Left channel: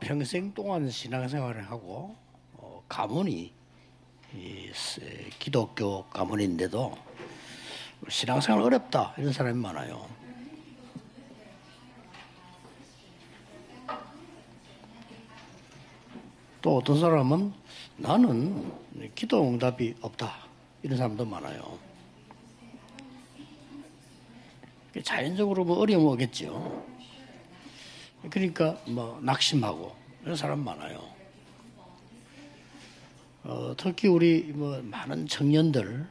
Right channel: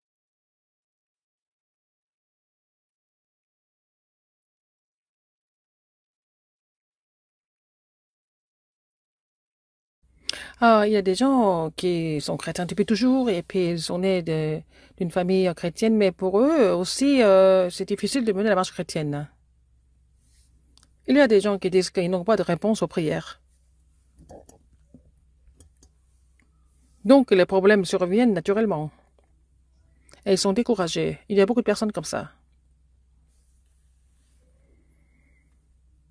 평생 동안 신앙생활을 하고 가문이 기독교 가문인데도 신앙생활 어렵다 이런 사람이 많아요. Il y a des gens qui sont chrétiens depuis toujours et puis ils sont nés d'une famille chrétienne, mais pour eux 또 어떤 aussi, 사람은 c'est difficile de mener la marche 나는 chrétienne. 기도 응답이 없다 이런 Il y a 사람도 des gens qui 많아요. disent qu'ils n'ont pas de réponse aux prières. 자연적으로 뭐 어려움 오겠죠. Donc les problèmes surviennent 그러니까 naturellement. 뭐 낙심하고 Et 이런 ils sont 사람 많아요. découragés. Il y a beaucoup de personnes comme ça. 특히 우리 뭐 많은 청년들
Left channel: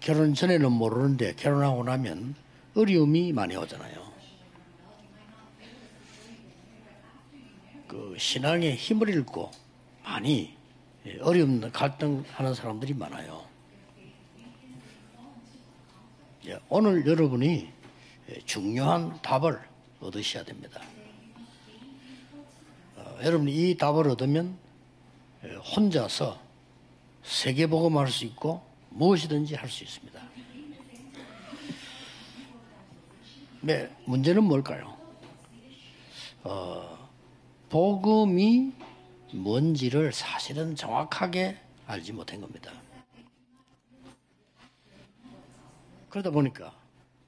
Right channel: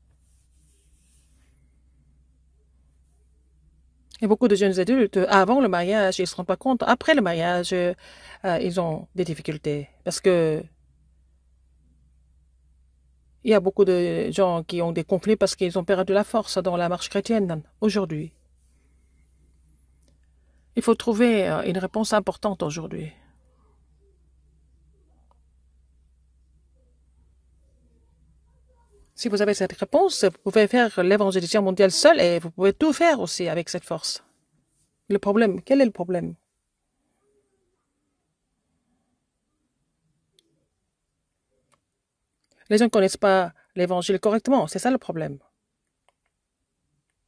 결혼 전에는 모르는데 결혼하고 나면 어려움이 많이 오잖아요. Et beaucoup de jeunes adultes, avant le mariage, ils ne se rendent pas compte. Après le mariage, 신앙에 ils ont 힘을 des 잃고 difficultés. Parce 많이 que 어려움 갈등하는 사람들이 많아요. il y a beaucoup de gens qui ont des conflits parce qu'ils ont perdu la force dans la 오늘 marche chrétienne. 여러분이 Aujourd'hui, 중요한 답을 얻으셔야 됩니다. il faut trouver une réponse importante aujourd'hui. 여러분이 이 답을 얻으면 혼자서 세계복음할 수 있고 Si vous avez 무엇이든지 cette 할수 있어요. réponse, vous pouvez faire l'évangélisation mondiale seul et vous pouvez tout faire aussi avec cette 네, force. 문제는 뭘까요? Le problème, quel est le problème? 복음이 뭔지를 사실은 정확하게 알지 못한 겁니다. Les gens ne connaissent pas l'évangile correctement, c'est ça le problème. 그러다 보니까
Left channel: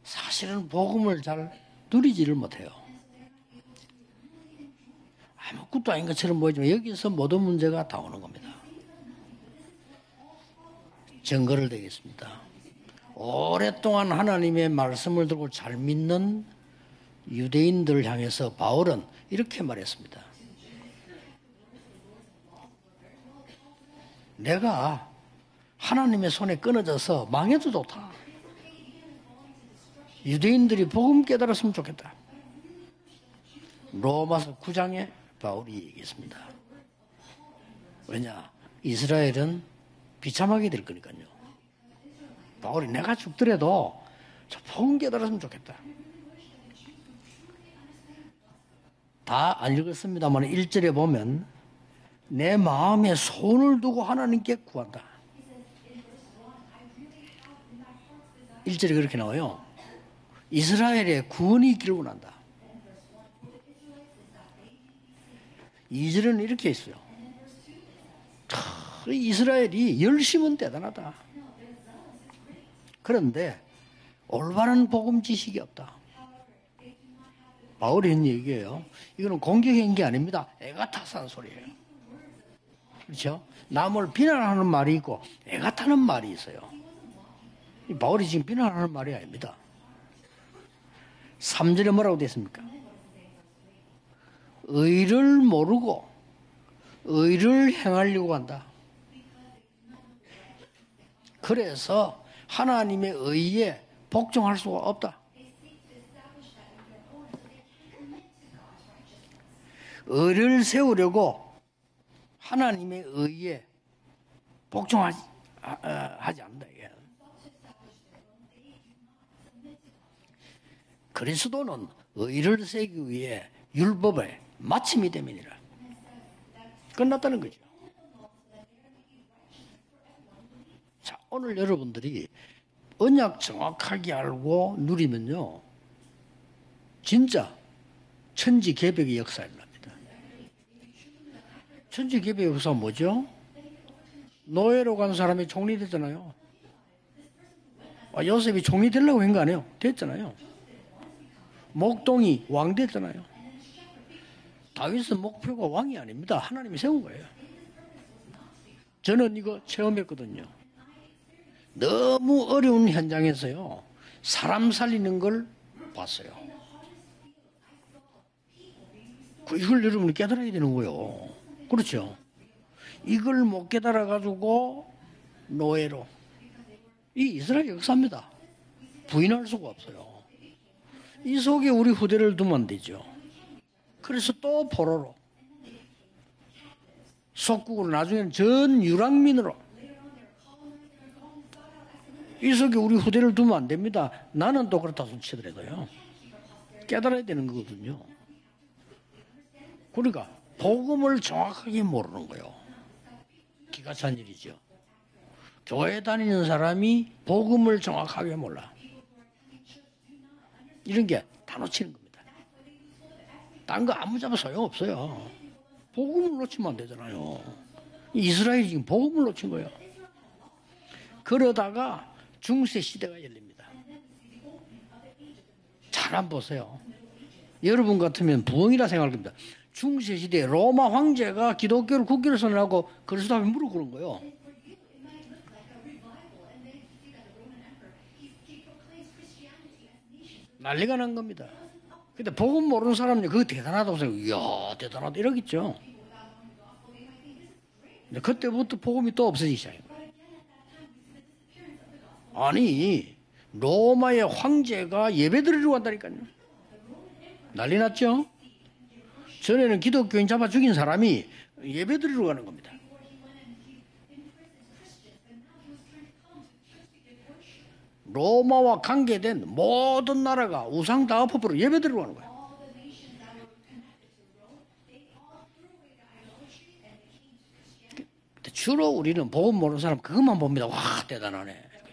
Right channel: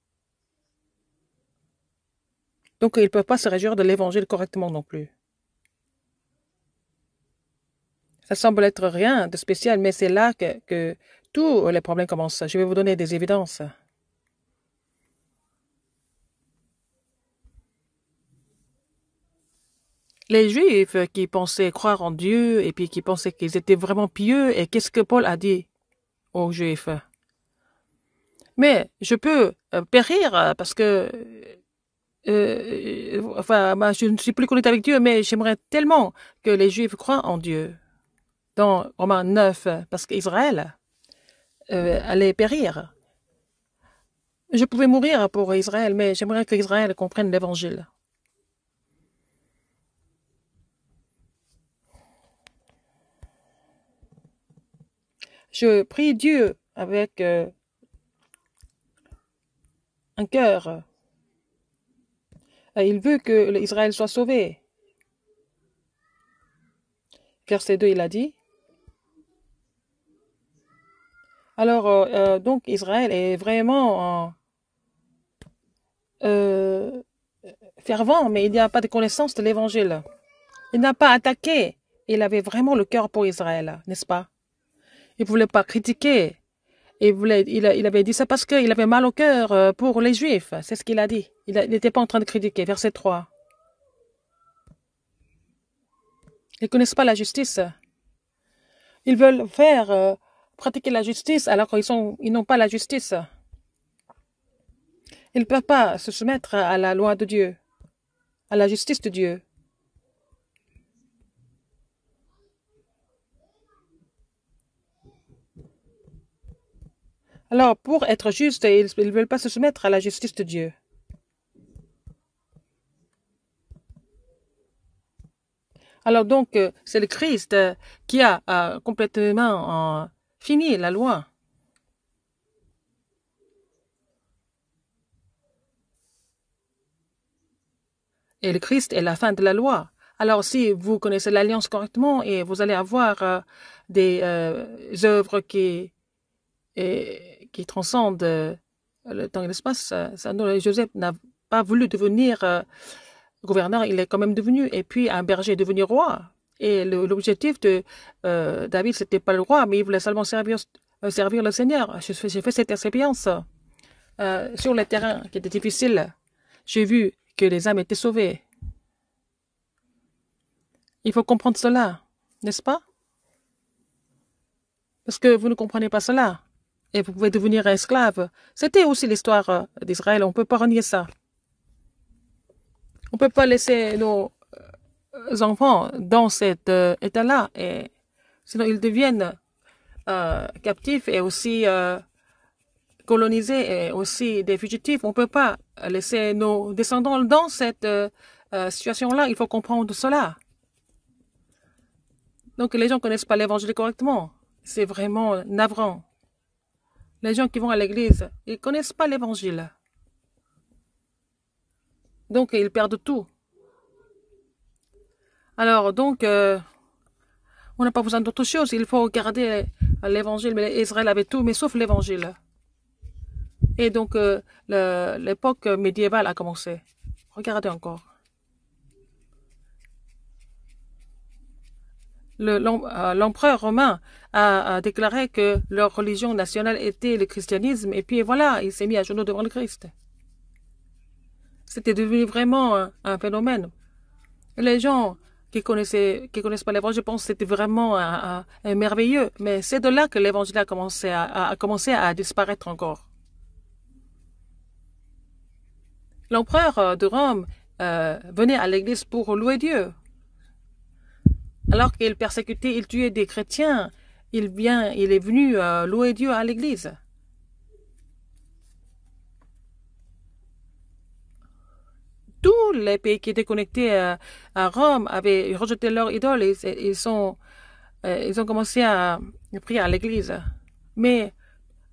사실은 복음을 잘 누리지를 못해요. Donc ils ne peuvent pas se réjouir de l'évangile correctement non plus. 아무것도 아닌 것처럼 보이지만 여기서 모든 문제가 다 오는 겁니다. Ça semble être rien de spécial, mais c'est là que tous 증거를 les problèmes commencent. Je vais vous donner des évidences. 오랫동안 하나님의 말씀을 듣고 잘 믿는 유대인들을 향해서 바울은 이렇게 말했습니다. Les Juifs qui pensaient croire en Dieu et puis qui pensaient qu'ils étaient vraiment pieux, et qu'est-ce que Paul a dit? 하나님의 손에 Juifs. 끊어져서 망해도 좋다. Mais je peux périr parce 유대인들이 que 복음 깨달았으면 좋겠다. enfin, je ne suis plus connecté avec Dieu, mais j'aimerais tellement que les Juifs croient en Dieu. 왜냐? Dans Romains 이스라엘은 9, parce qu'Israël 비참하게 될 거니까요. allait périr. 우리 내가 죽더라도 Je pouvais mourir pour Israël, mais j'aimerais que Israël comprenne l'évangile. 다 안 읽었습니다만 1절에 보면 내 마음에 손을 두고 하나님께 구한다. Je prie Dieu avec 1절에 그렇게 나와요. un cœur. 이스라엘의 구원이 있기를 원한다. Il veut que Israël soit sauvé. 2절은 이렇게 있어요. Verset 2, il a dit. 이스라엘이 열심은 대단하다. Alors, donc Israël est 그런데 vraiment 올바른 복음 지식이 없다. fervent, mais il n'y a pas de connaissance de l'évangile. 게 아닙니다. Il n'a pas attaqué. Il avait vraiment le cœur pour Israël, n'est-ce 남을 pas? 비난하는 말이 있고 Il ne voulait pas 애가 타는 critiquer. 말이 있어요. Il avait dit ça parce qu'il avait mal au cœur pour les Juifs. C'est ce qu'il a dit. Il n'était pas en train de critiquer. Verset 3. 의를 모르고 Ils ne connaissent pas la justice. 의를 행하려고 한다. Ils veulent faire pratiquer la justice alors qu'ils n'ont pas la justice. 하나님의 의에 복종할 수가 없다. Ils ne peuvent pas se soumettre à la loi de Dieu, à la justice de Dieu. 의를 세우려고 하나님의 의에 복종하지 하지 않는다. 이게. Alors, pour être juste, ils ne veulent pas se soumettre à la justice de Dieu. 그리스도는 의를 세우기 위해 율법의 마침이 됨이니라. Alors donc, c'est le Christ qui a complètement fini la loi. 오늘 여러분들이 언약 정확하게 알고 누리면요, 진짜 Et le 천지 Christ est la 개벽의 fin de la 역사. loi. Alors, si vous connaissez l'alliance correctement, et vous allez avoir des 노예로 간 œuvres 사람이 종이 됐잖아요. qui transcendent 요셉이 종이 되려고 한 거 아니에요? l'espace. 됐잖아요. Joseph n'a pas voulu 목동이 devenir 왕 됐잖아요. gouverneur, il est quand même devenu. Et puis un berger est devenu roi. Et l'objectif de David, ce n'était pas le roi, mais il voulait seulement servir le Seigneur. J'ai fait cette expérience sur le terrain qui était difficile. J'ai vu que les âmes étaient sauvées. 이걸 여러분이 깨달아야 되는 거예요. Il faut comprendre cela, 그렇죠? n'est-ce pas? 이걸 못 깨달아가지고 Parce que vous ne comprenez pas cela. Et vous pouvez devenir esclave. C'était aussi l'histoire d'Israël. On ne peut pas renier ça. 이 속에 우리 후대를 두면 안 되죠. On ne peut pas laisser nos 그래서 또 포로로 enfants dans cet état-là. Et 속국으로 나중에는 sinon, ils 전 deviennent 유학민으로 captifs et aussi 이 속에 우리 후대를 두면 안 colonisés et 됩니다. aussi des 나는 fugitifs. On ne 똑같다 peut pas 거예요. laisser nos descendants dans cette situation-là. Il faut comprendre cela. 복음을 정확하게 모르는 거예요. Donc les gens ne connaissent pas l'évangile correctement. C'est vraiment navrant. 교회 다니는 사람이 Les gens qui vont à 복음을 l'église, 정확하게 ils ne 몰라. connaissent pas l'évangile. 이런 게 다 놓치는 겁니다. Donc ils perdent tout. Alors, donc, on n'a pas besoin d'autre chose. Il faut garder l'évangile. Mais Israël avait tout, mais sauf l'évangile. Et donc, l'époque médiévale a commencé. Regardez. L'empereur romain a déclaré que leur religion nationale était le christianisme. Et puis voilà, il s'est mis à genoux devant le Christ. C'était devenu vraiment un phénomène. Les gens qui connaissent pas l'évangile pensent que c'était vraiment merveilleux. Mais c'est de là que l'évangile a commencé à disparaître encore. L'empereur de Rome venait à l'église pour louer Dieu. Alors qu'il persécutait, il tuait des chrétiens, il est venu louer Dieu à l'église. Tous les pays qui étaient connectés à Rome avaient rejeté leur idole et ils ont commencé à prier à l'église. Mais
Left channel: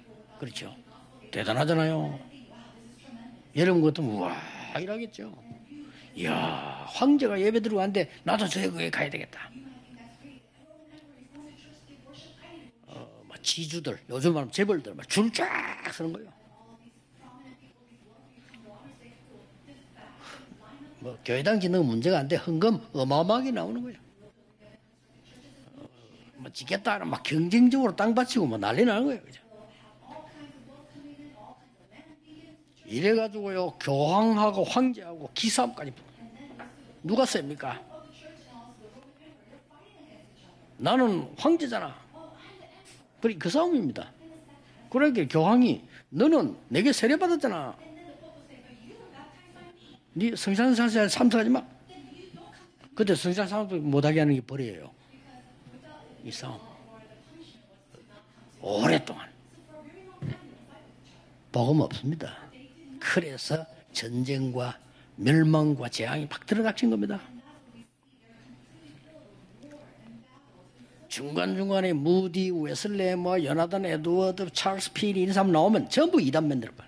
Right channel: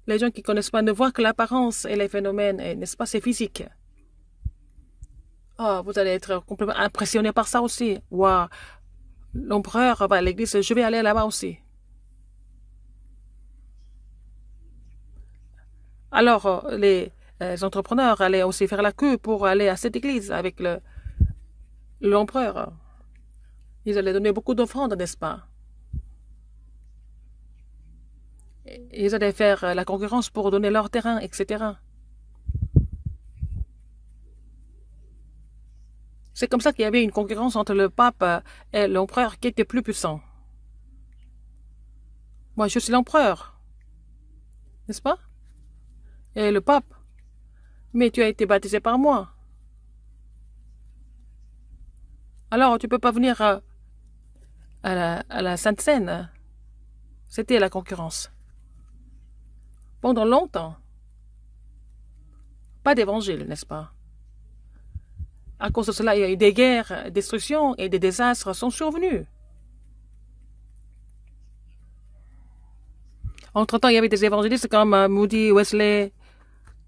les gens qui ne connaissent pas ne voient que l'apparence et les phénomènes, n'est-ce pas, c'est physique. Oh, vous allez être complètement impressionné par ça aussi. Wow. L'empereur va à l'église, je vais aller là-bas aussi. Alors, les entrepreneurs allaient aussi faire la queue pour aller à cette église avec l'empereur. Ils allaient donner beaucoup d'offrandes, n'est-ce pas? Ils allaient faire la concurrence pour donner leur terrain, etc. C'est comme ça qu'il y avait une concurrence entre le pape et l'empereur qui était plus puissant. Moi, je suis l'empereur. N'est-ce pas? Et le pape, mais tu as été baptisé par moi. Alors, tu ne peux pas venir à la Sainte Seine. C'était la concurrence. Pendant longtemps, pas d'évangile, n'est-ce pas? À cause de cela, il y a eu des guerres, des destructions et des désastres sont survenus. Entre-temps, il y avait des évangélistes comme Moody, Wesley,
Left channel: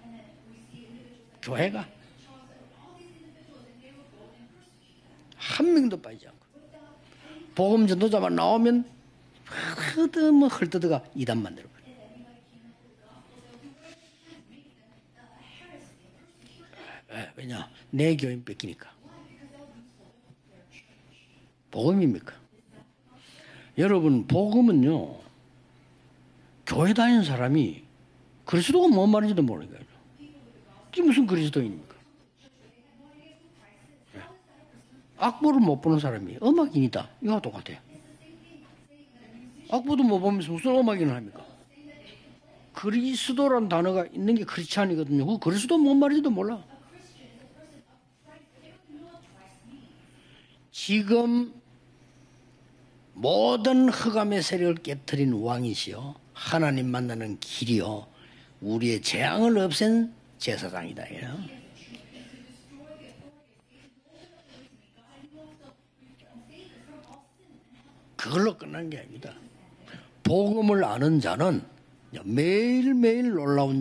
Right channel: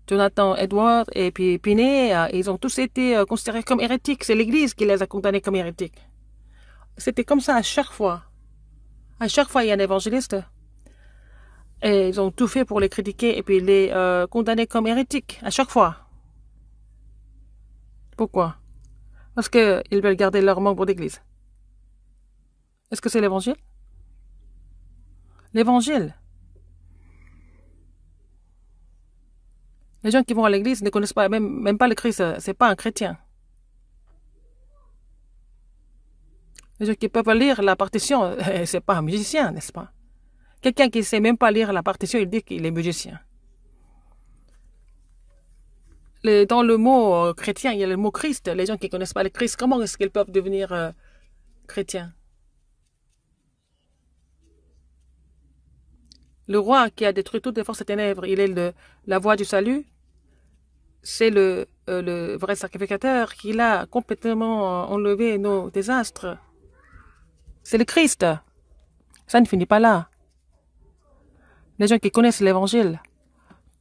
Jonathan Edwards et puis Finney. Ils ont tous été considérés comme hérétiques. C'est l'Église qui les a condamnés comme hérétiques. C'était comme ça à chaque fois. À chaque fois, il y a un évangéliste. Et ils ont tout fait pour les critiquer et puis les condamner comme hérétiques. À chaque fois. Pourquoi? Parce qu'ils veulent garder leurs membres d'église. Est-ce que c'est l'évangile? L'évangile. Les gens qui vont à l'église ne connaissent pas, même pas le Christ. Ce n'est pas un chrétien. Les gens qui ne peuvent pas lire la partition, ce n'est pas un musicien, n'est-ce pas? Quelqu'un qui ne sait même pas lire la partition, il dit qu'il est musicien. Dans le mot chrétien, il y a le mot Christ. Les gens qui ne connaissent pas le Christ, comment est-ce qu'ils peuvent devenir chrétiens? Le roi qui a détruit toutes les forces des ténèbres, il est la voie du salut. C'est le vrai sacrificateur qui a complètement enlevé nos désastres. C'est le Christ. Ça ne finit pas là. Les gens qui connaissent l'Évangile,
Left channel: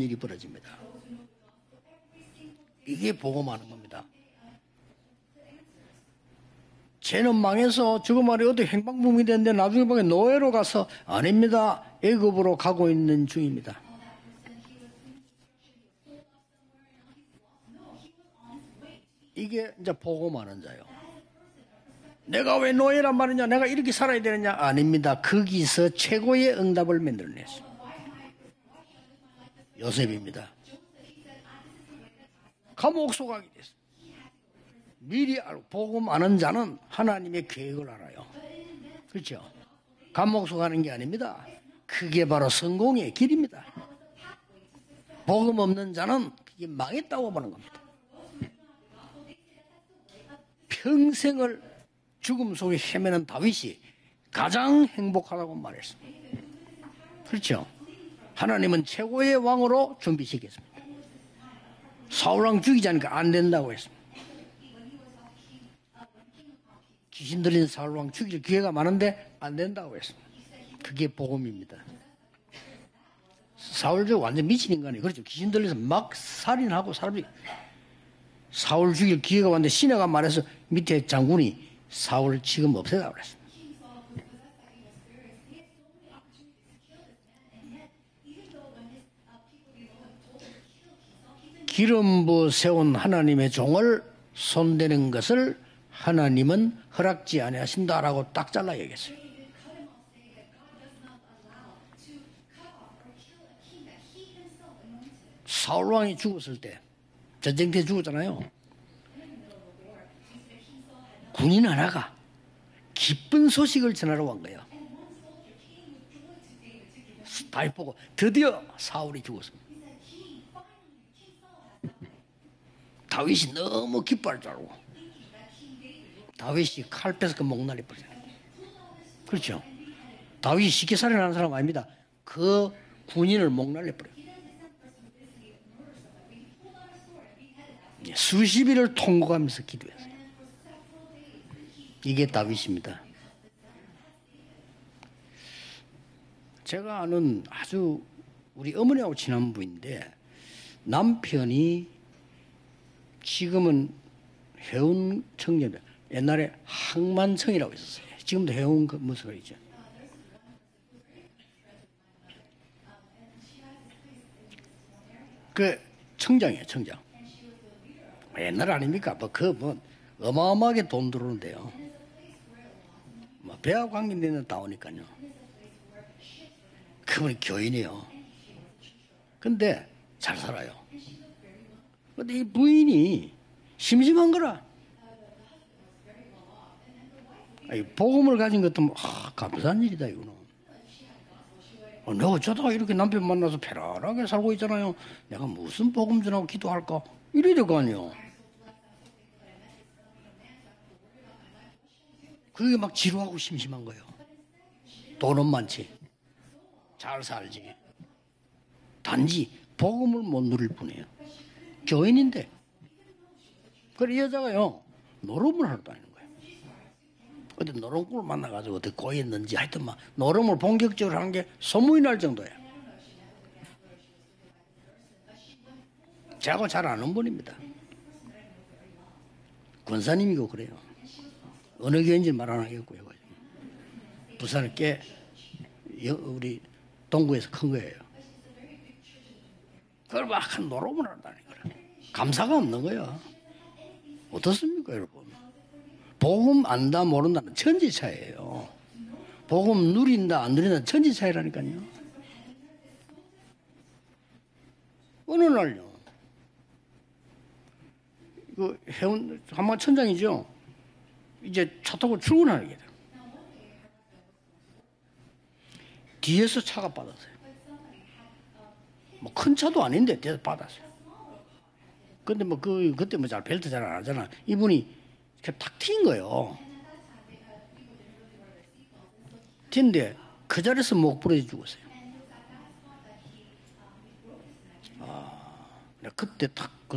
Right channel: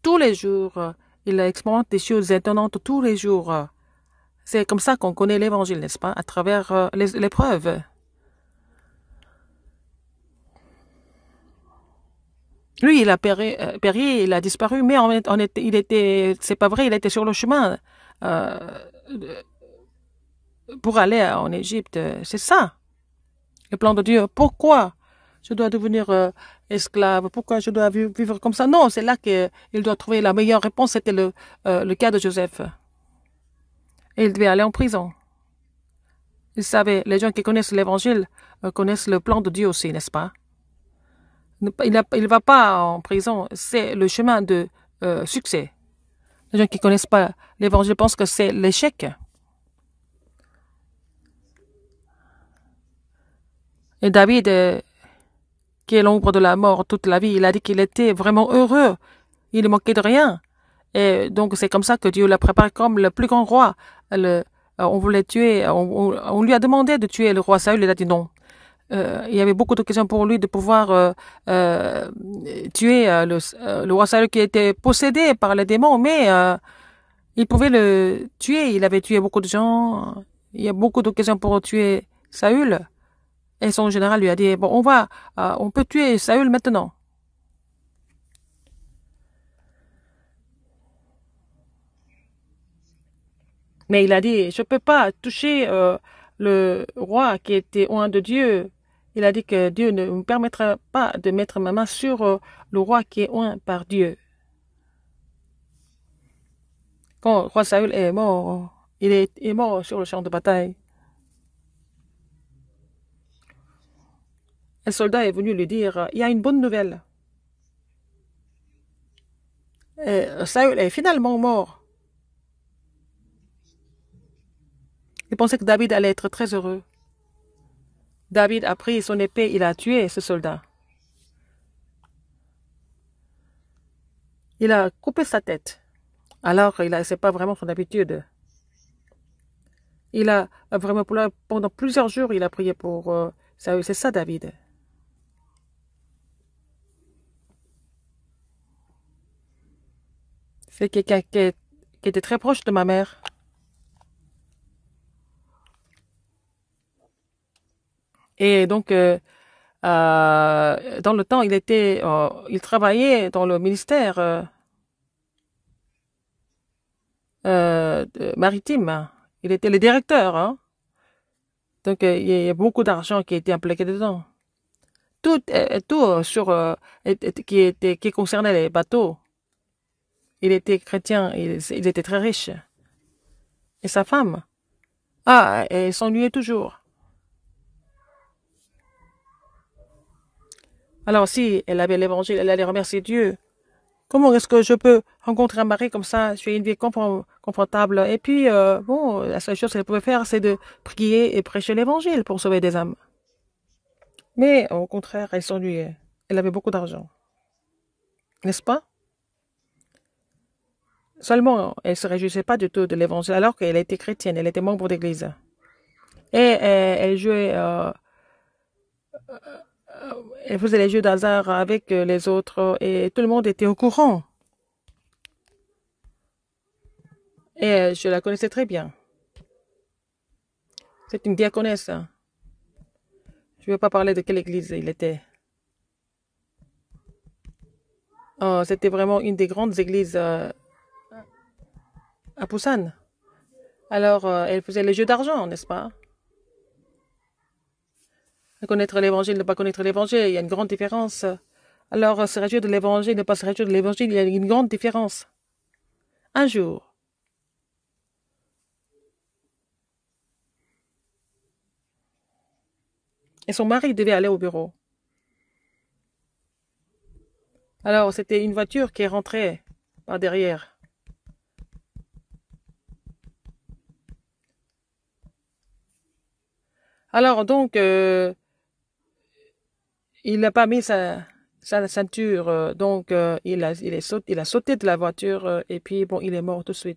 tous les jours, ils expérimentent des choses étonnantes tous les jours. C'est comme ça qu'on connaît l'Évangile, n'est-ce pas? À travers les épreuves. Lui, il a péri, il a disparu, mais c'est pas vrai, il était sur le chemin pour aller en Égypte. C'est ça, le plan de Dieu. Pourquoi je dois devenir esclave? Pourquoi je dois vivre comme ça? Non, c'est là qu'il doit trouver la meilleure réponse. C'était le cas de Joseph. Et il devait aller en prison. Vous savez, les gens qui connaissent l'Évangile connaissent le plan de Dieu aussi, n'est-ce pas? Il ne va pas en prison. C'est le chemin de succès. Les gens qui ne connaissent pas l'Évangile pensent que c'est l'échec. Et David, qui est l'ombre de la mort toute la vie, il a dit qu'il était vraiment heureux. Il ne manquait de rien. Et donc, c'est comme ça que Dieu l'a préparé comme le plus grand roi. on voulait tuer, on lui a demandé de tuer le roi Saül, il a dit non. Il y avait beaucoup d'occasions pour lui de pouvoir tuer le roi Saül qui était possédé par les démons, mais il pouvait le tuer, il avait tué beaucoup de gens. Il y a beaucoup d'occasions pour tuer Saül. Et son général lui a dit, bon, on peut tuer Saül maintenant. Mais il a dit, je ne peux pas toucher le roi qui était loin de Dieu. Il a dit que Dieu ne me permettra pas de mettre ma main sur le roi qui est loin par Dieu. Quand le roi Saül est mort, il est mort sur le champ de bataille. Un soldat est venu lui dire, il y a une bonne nouvelle. Saül est finalement mort. Il pensait que David allait être très heureux. David a pris son épée, il a tué ce soldat. Il a coupé sa tête. Alors, ce n'est pas vraiment son habitude. Il a vraiment, pendant plusieurs jours, il a prié pour Saül. C'est ça, David. C'est quelqu'un qui était très proche de ma mère. Et donc, dans le temps, il travaillait dans le ministère maritime. Il était le directeur. Donc, il y a beaucoup d'argent qui a été impliqué dedans. Tout qui concernait les bateaux. Il était chrétien, il était très riche. Et sa femme, elle s'ennuyait toujours. Alors si elle avait l'évangile, elle allait remercier Dieu. Comment est-ce que je peux rencontrer un mari comme ça? Je suis une vie confortable. Et puis, bon, la seule chose qu'elle pouvait faire, c'est de prier et prêcher l'évangile pour sauver des âmes. Mais au contraire, elle s'ennuyait. Elle avait beaucoup d'argent. N'est-ce pas? Seulement, elle ne se réjouissait pas du tout de l'évangile, alors qu'elle était chrétienne, elle était membre d'église. Et elle jouait. Elle faisait les jeux d'hasard avec les autres, et tout le monde était au courant. Et je la connaissais très bien. C'est une diaconesse. Je ne veux pas parler de quelle église il était. C'était vraiment une des grandes églises à Busan. Alors, elle faisait les jeux d'argent, n'est-ce pas? Connaître l'évangile, ne pas connaître l'évangile, il y a une grande différence. Alors, se réjouir de l'évangile, ne pas se réjouir de l'évangile, il y a une grande différence. Un jour, et son mari devait aller au bureau. Alors, c'était une voiture qui est rentrée par derrière. Alors, donc, il n'a pas mis sa ceinture, donc il a sauté de la voiture et puis bon, il est mort tout de suite.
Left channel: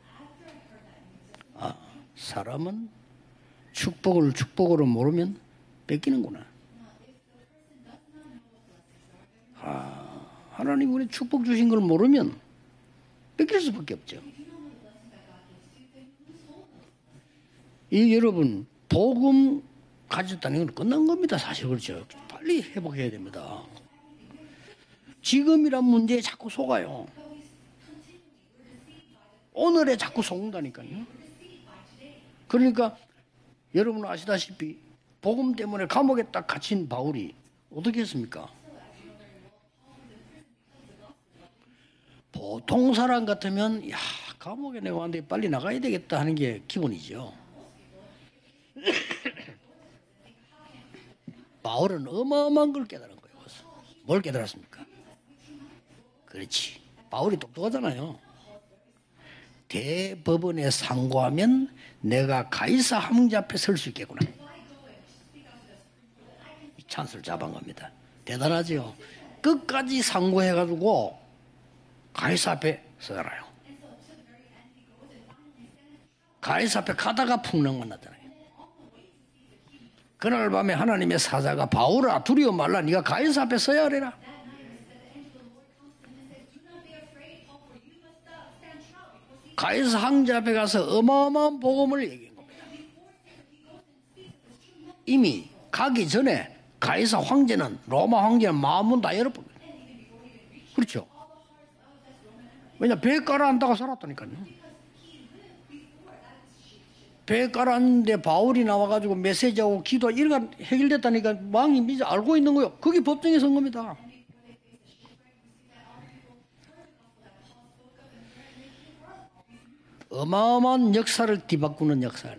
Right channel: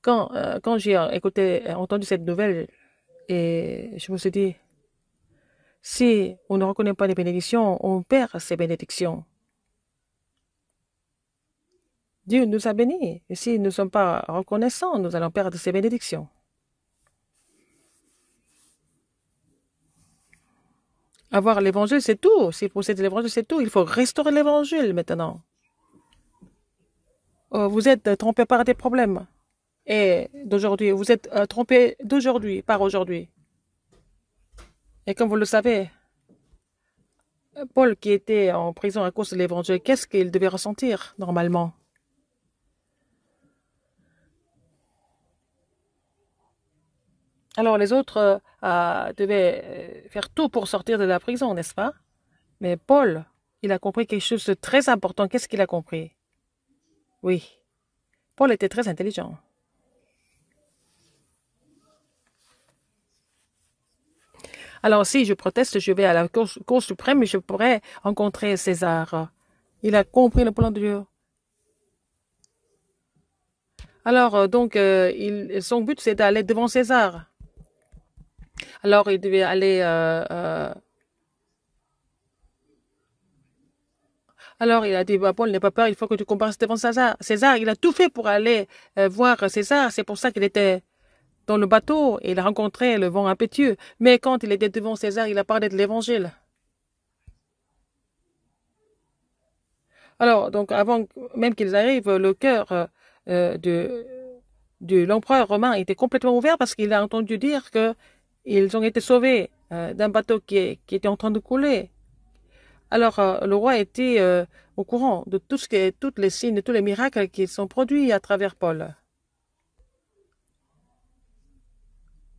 Quand j'ai entendu cette nouvelle, et je me suis dit, si on ne reconnaît pas les bénédictions, on perd ces bénédictions. Dieu nous a bénis. Et si nous ne sommes pas reconnaissants, nous allons perdre ces bénédictions. Avoir l'évangile, c'est tout. Si posséder l'évangile, c'est tout. Il faut restaurer l'évangile maintenant. Vous êtes trompé par des problèmes. Et d'aujourd'hui, vous êtes trompé d'aujourd'hui par aujourd'hui. Et comme vous le savez, Paul qui était en prison à cause de l'évangile, qu'est-ce qu'il devait ressentir normalement? Alors les autres devaient faire tout pour sortir de la prison, n'est-ce pas? Mais Paul, il a compris quelque chose de très important. Qu'est-ce qu'il a compris? Oui. Paul était très intelligent. Alors si je proteste, je vais à la Cour suprême et je pourrais rencontrer César. Il a compris le plan de Dieu. Alors, donc, son but, c'est d'aller devant 가이사 앞에 César. 가다가 풍랑 만나잖아요. Alors, il devait aller. 그날 밤에 하나님의 사자가 바울아 두려워 말라 네가 가이사 앞에 서야 하리라. Alors, il a dit, bah, Paul, n'aie pas peur, il faut que tu comparaisses devant César. César, il a tout fait pour aller voir César. C'est pour ça qu'il était dans le bateau et il a rencontré le vent impétueux. Mais quand il était devant César, il a parlé de 가기 l'évangile. 전에 가이사 황제는 로마 황제는 마음은 다 열어버려. Alors, donc, avant même qu'ils arrivent, le cœur 왜냐 배 깔아앉다가 살았다니까요. de l'empereur romain était complètement ouvert parce qu'il a entendu 배 dire 깔았는데 바울이 qu'ils ont été 나와가지고 sauvés 메시지하고 d'un 기도 bateau 일간 qui était en train 해결됐다니까 de 마음이 couler. 미리 알고 있는 거예요. 그게 Alors, 독경에서 le roi 오는 거야. était au courant de tout tous les signes, tous les miracles qui sont produits à travers Paul. 어마어마한 역사를 뒤바꾸는 역사를.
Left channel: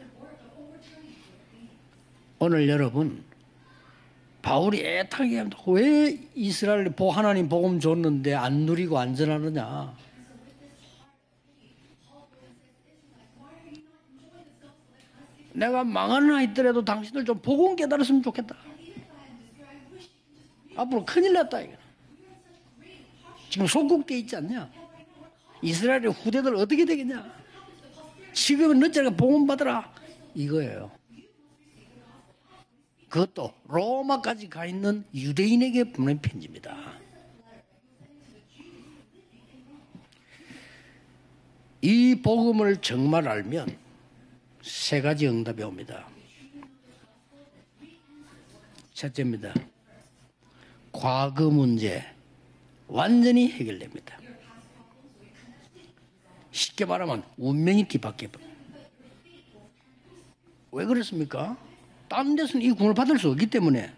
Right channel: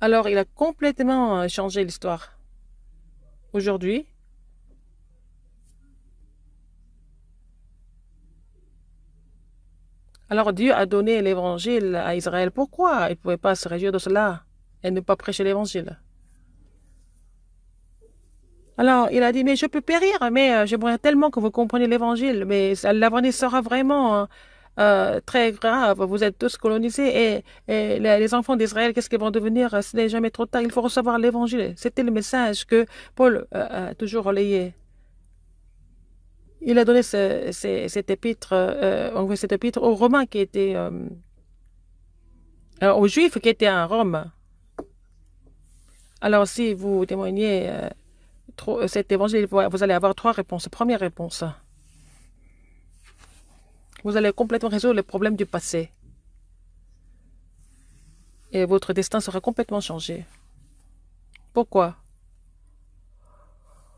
Alors, il a complètement changé l'histoire. 오늘 여러분 Aujourd'hui, 바울이 애타게 합니다. 왜 이스라엘 하나님 복음 줬는데 안 누리고 안전하느냐? alors Dieu a donné l'évangile à Israël. Pourquoi il ne pouvait pas se réjouir de cela et ne pas prêcher 내가 l'évangile? 망하는 있더라도 당신들 좀 복음 깨달았으면 좋겠다. Alors, il a dit, mais je peux périr, mais j'aimerais bon, tellement 큰일 que vous 났다. compreniez l'évangile. Mais l'avenir sera 지금 vraiment 손꼽기 있지 않냐? très grave. Israël, Vous êtes 후대들 tous 어떻게 colonisés et les enfants 지금은 d'Israël, 늦잖아. qu'est-ce qu'ils vont 복음 devenir? 받아라. Ce n'est jamais trop tard, il faut 이거예요. recevoir l'évangile. C'était le message que Paul 그것도 a toujours 로마까지 가 relayé. 있는 유대인에게 보낸 편지입니다. Il a donné cette épître, envoyé cette épître aux Romains qui étaient, 이 복음을 aux 정말 Juifs qui étaient 알면 à Rome. 세 가지 응답이 옵니다. Alors, si vous témoignez cet évangile, vous allez avoir trois réponses. Première réponse, 과거 문제 완전히 해결됩니다. vous allez complètement résoudre les problèmes du passé 쉽게 말하면 운명이 뒤바뀌어. et votre destin sera complètement changé. 왜 그렇습니까? Pourquoi? 다른 데서는 이 구원을 받을 수 없기 때문에.